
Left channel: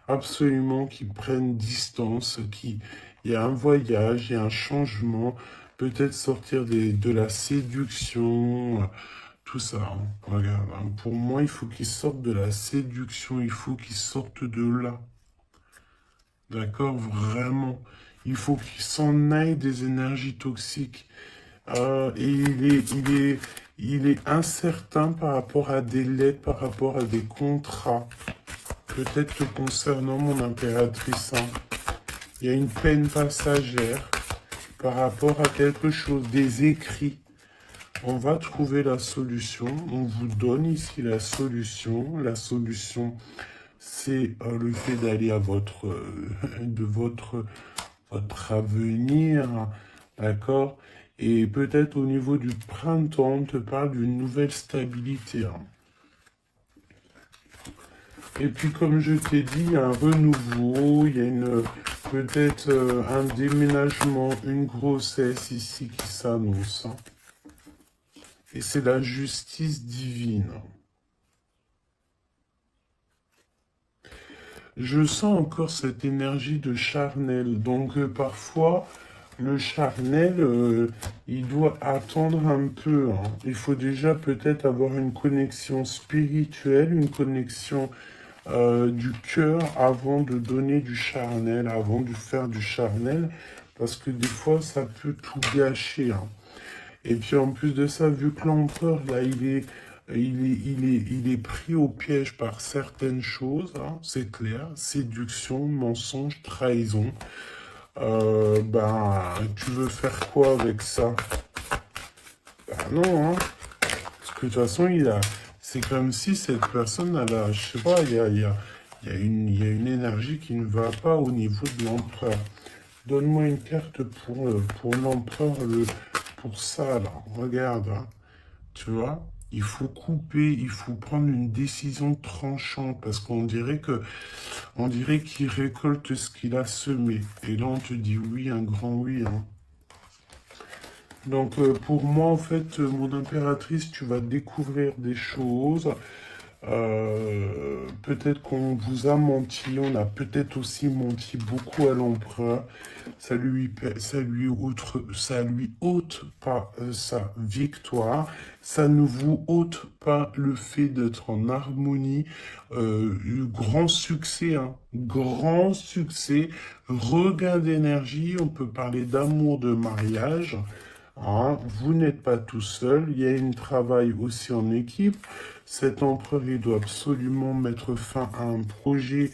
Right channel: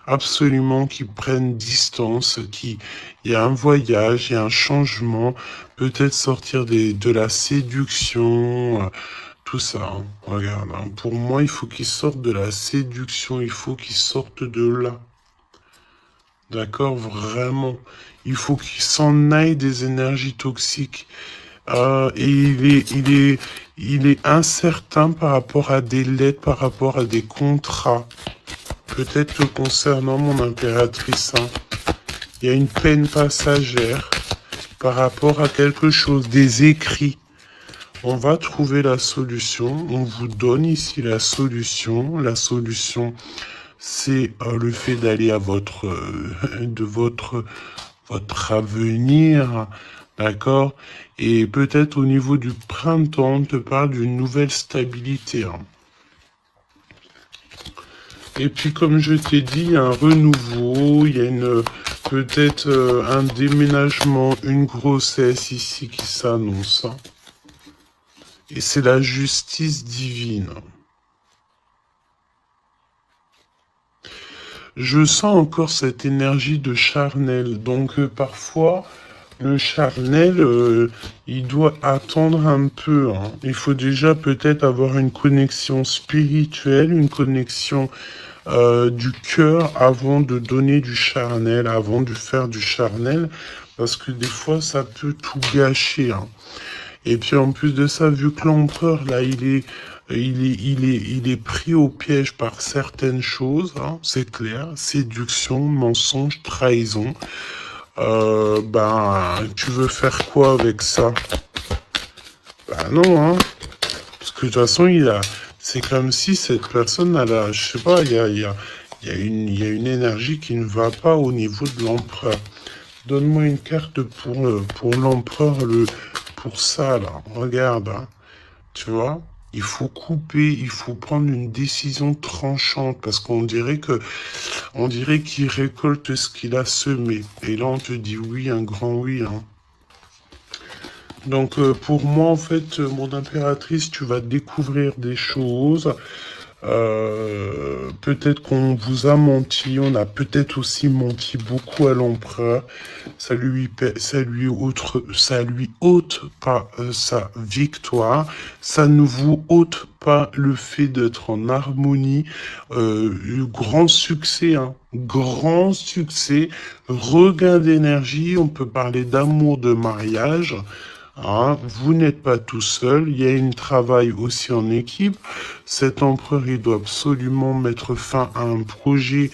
absolument qu'il prenne distance, il y a un voyage, il y a un changement, peut-être sortir de la séduction, tout ça. Hein. Regarde, hein. Pour moi, il faut qu'il sorte de la séduction, il faut qu'il sorte de là. D'accord? Vraiment. Il faut qu'il s'en aille des énergies toxiques. Et il est incertain par rapport à des lettres, par rapport à des contrats. Peut-être concernant mon impératrice. Hein. Il y a une peine passagère par rapport à quelque chose, des écrits. On va trouver la solution. On vous donne ici la solution. La solution, c'est le fait d'aller à votre avenir, d'accord? Et peut-être au niveau du printemps, on te parle d'une nouvelle stabilité. Hein. Et puis comme je t'ai dit, il y a un renouveau, il y a peut-être un déménagement, une grossesse ici qui s'annonce. Hein. Et c'est la justice divine. Je sens encore cette énergie de charnel. Donc parfois, le charnel, il doit attendre un peu. Hein. Il faut déjà peut-être avoir une connexion spirituelle, une connexion du cœur avant de donner du charnel, avant de faire du charnel. Parce que des fois, ça peut tout gâcher. Hein. Et puis en plus de ça, vu que l'empereur, là, il est pris au piège par certaines choses, hein, c'est clair, séduction, mensonge, trahison. Tu veux faire quoi avec ça? Bah non, hein. Parce que de toute façon, c'est comme si cette personne, je sais pas, il y a une énergie qui ne va pas au niveau de l'empereur. Donne-moi une carte pour l'empereur, pour ça, là. Regarde, hein. Tu vois? Il faut couper, il faut prendre une décision tranchante parce on dirait qu'il récolte ce qu'il a semé. Et là, on te dit oui, un grand oui. Hein. Donc, pour moi, en fait, mon impératrice, tu vas découvrir des choses. Peut-être qu'on vous a menti, on a peut-être aussi menti beaucoup à l'empereur. Ça lui ôte pas sa victoire, ça ne vous ôte pas le fait d'être en harmonie. Grand succès, hein, grand succès, regain d'énergie, on peut parler d'amour, de mariage. Hein, vous n'êtes pas tout seul, il y a un travail aussi en équipe. Cet empereur, il doit absolument mettre fin à un projet,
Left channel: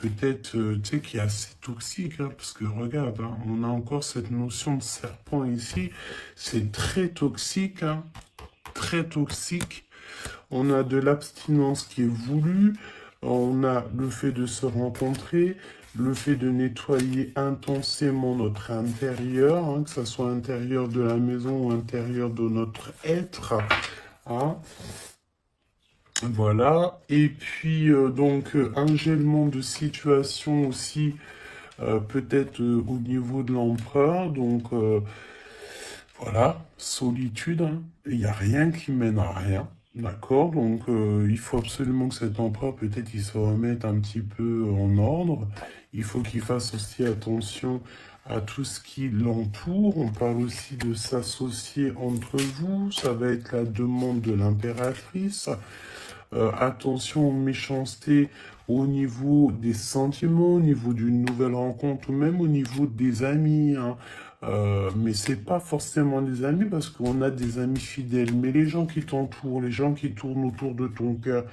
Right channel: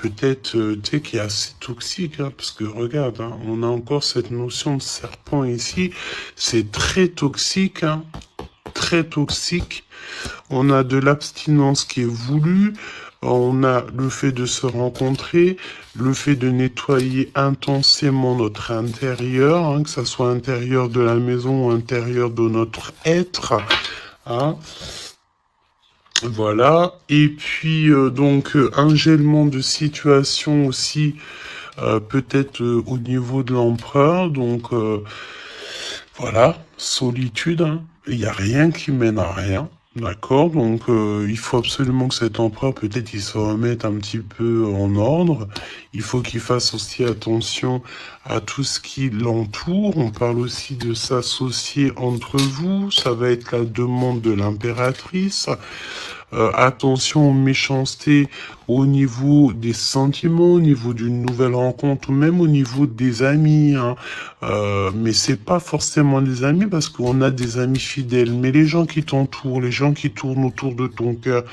peut-être, tu sais, qui est assez toxique, hein, parce que regarde, hein, on a encore cette notion de serpent ici, c'est très toxique, hein, très toxique. On a de l'abstinence qui est voulue, on a le fait de se rencontrer, le fait de nettoyer intensément notre intérieur, hein, que ce soit intérieur de la maison ou intérieur de notre être. Hein. Voilà. Et puis, un gèlement de situation aussi, peut-être au niveau de l'empereur. Donc, voilà, solitude. Hein. Il n'y a rien qui mène à rien. D'accord, donc il faut absolument que cet empereur, peut-être, il se remette un petit peu en ordre. Il faut qu'il fasse aussi attention à tout ce qui l'entoure. On parle aussi de s'associer entre vous. Ça va être la demande de l'impératrice. Attention aux méchancetés au niveau des sentiments, au niveau d'une nouvelle rencontre ou même au niveau des amis, hein. Mais c'est pas forcément des amis parce qu'on a des amis fidèles. Mais les gens qui t'entourent, les gens qui tournent autour de ton cœur,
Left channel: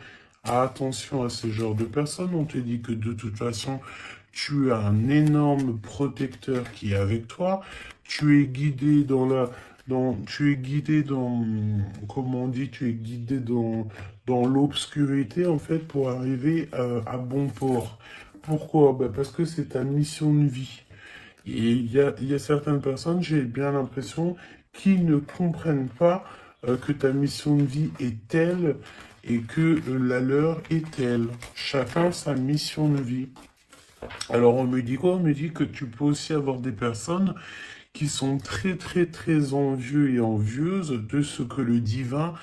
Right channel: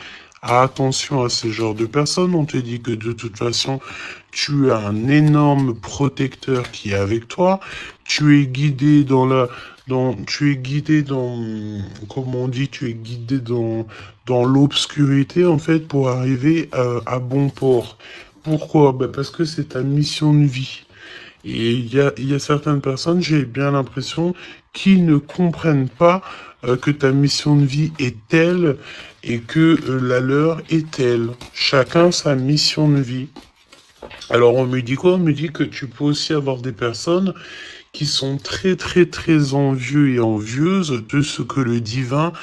attention à ce genre de personnes. On te dit que de toute façon, tu as un énorme protecteur qui est avec toi. Tu es guidé tu es guidé dans, comme on dit, tu es guidé dans l'obscurité, en fait, pour arriver à bon port. Pourquoi? Ben parce que c'est ta mission de vie. Et il y a certaines personnes, j'ai bien l'impression, qui ne comprennent pas que ta mission de vie est telle et que la leur est telle. Chacun sa mission de vie. Alors on me dit quoi? On me dit que tu peux aussi avoir des personnes qui sont très très très envieux et envieuses de ce que le divin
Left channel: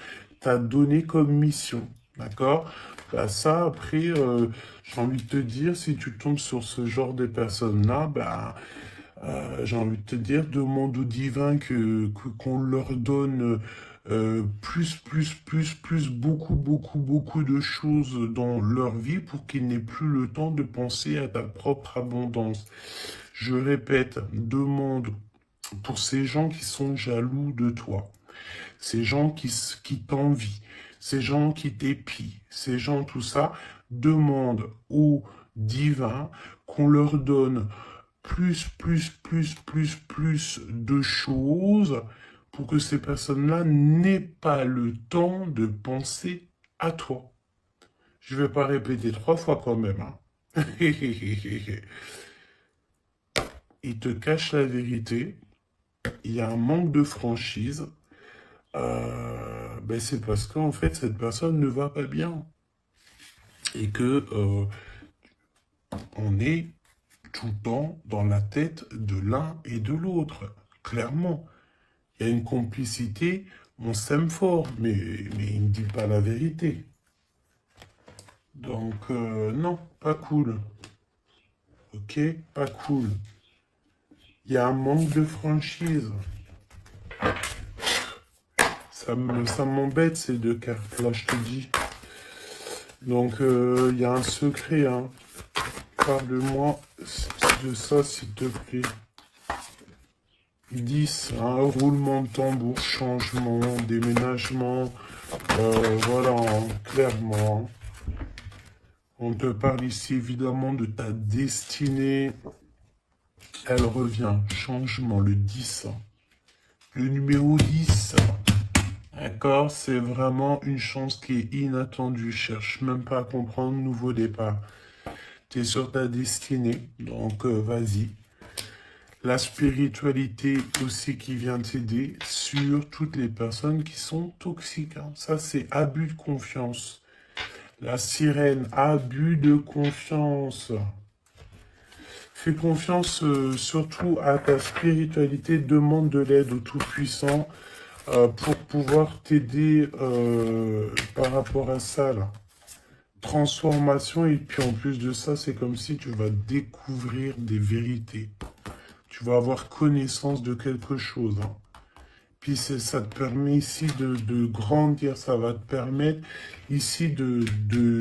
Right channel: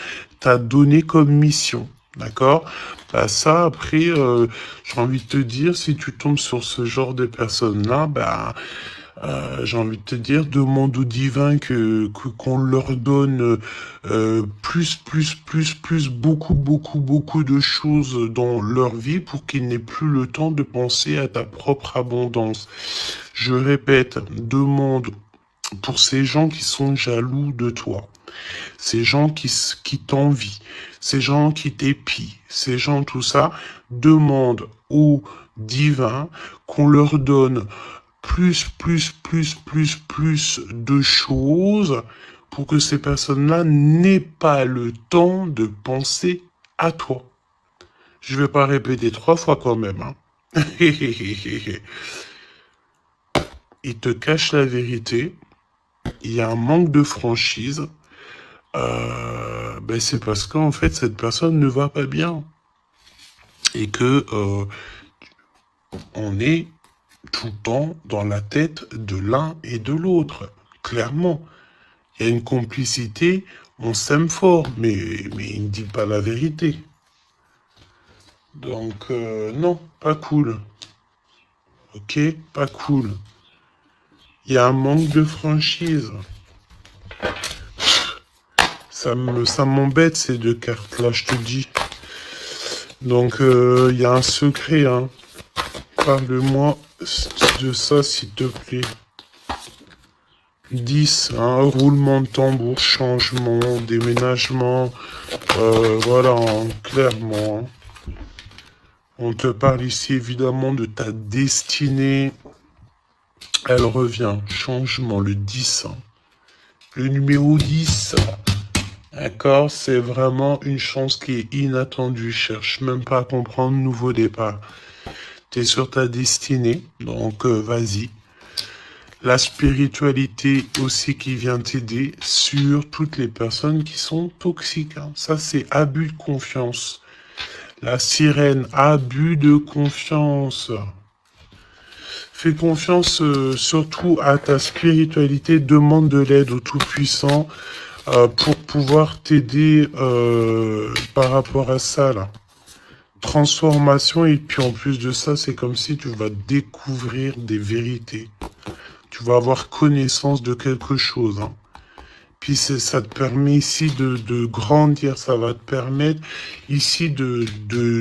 t'a donné comme mission. D'accord? Bah ça, après, j'ai envie de te dire, si tu tombes sur ce genre de personnes-là, bah, j'ai envie de te dire, demande au divin qu'on leur donne beaucoup de choses dans leur vie pour qu'ils n'aient plus le temps de penser à ta propre abondance. Je répète, demande pour ces gens qui sont jaloux de toi, ces gens qui t'envient, ces gens qui t'épient, ces gens tout ça, demande au divin qu'on leur donne plus de choses pour que ces personnes-là n'aient pas le temps de penser à toi. Je vais pas répéter 3 fois quand même, hein. Ils te cachent la vérité. Il y a un manque de franchise. Ben c'est parce qu'en fait, cette personne ne va pas bien. Et que on est tout le temps dans la tête de l'un et de l'autre. Clairement. Il y a une complicité, on s'aime fort, mais il ne dit pas la vérité. Donc, non, pas cool. Ok, pas cool. Il y a un manque de franchise. Ça m'embête ces 2 cartes-là, je te dis. Donc, il y a un secret, hein. Parle-moi de ça, s'il te plaît. 10, hein, roulement de tambour, changement, déménagement. Voilà, hein, clairement. On te parle ici évidemment de ta destinée. Elle revient. Changement, le 10. Le numéro 10. D'accord, c'est vraiment une chance qui est inattendue. Cherche même pas à comprendre, nouveau départ. Tu es sur ta destinée, donc vas-y. La spiritualité aussi qui vient t'aider sur toutes les personnes qui sont toxiques, hein. Ça, c'est abus de confiance. La sirène, abus de confiance. Fais confiance surtout à ta spiritualité, demande de l'aide au Tout-Puissant pour pouvoir t'aider par rapport à ça, là. Transformation, et puis en plus de ça, c'est comme si tu vas découvrir des vérités. Tu vas avoir connaissance de quelque chose, hein. Puis ça te permet ici de grandir, ça va te permettre ici de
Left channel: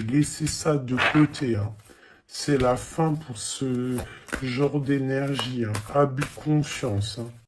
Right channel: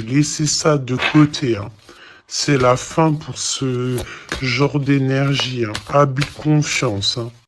laisser ça de côté, hein. C'est la fin pour ce genre d'énergie, hein. Abus de confiance, hein.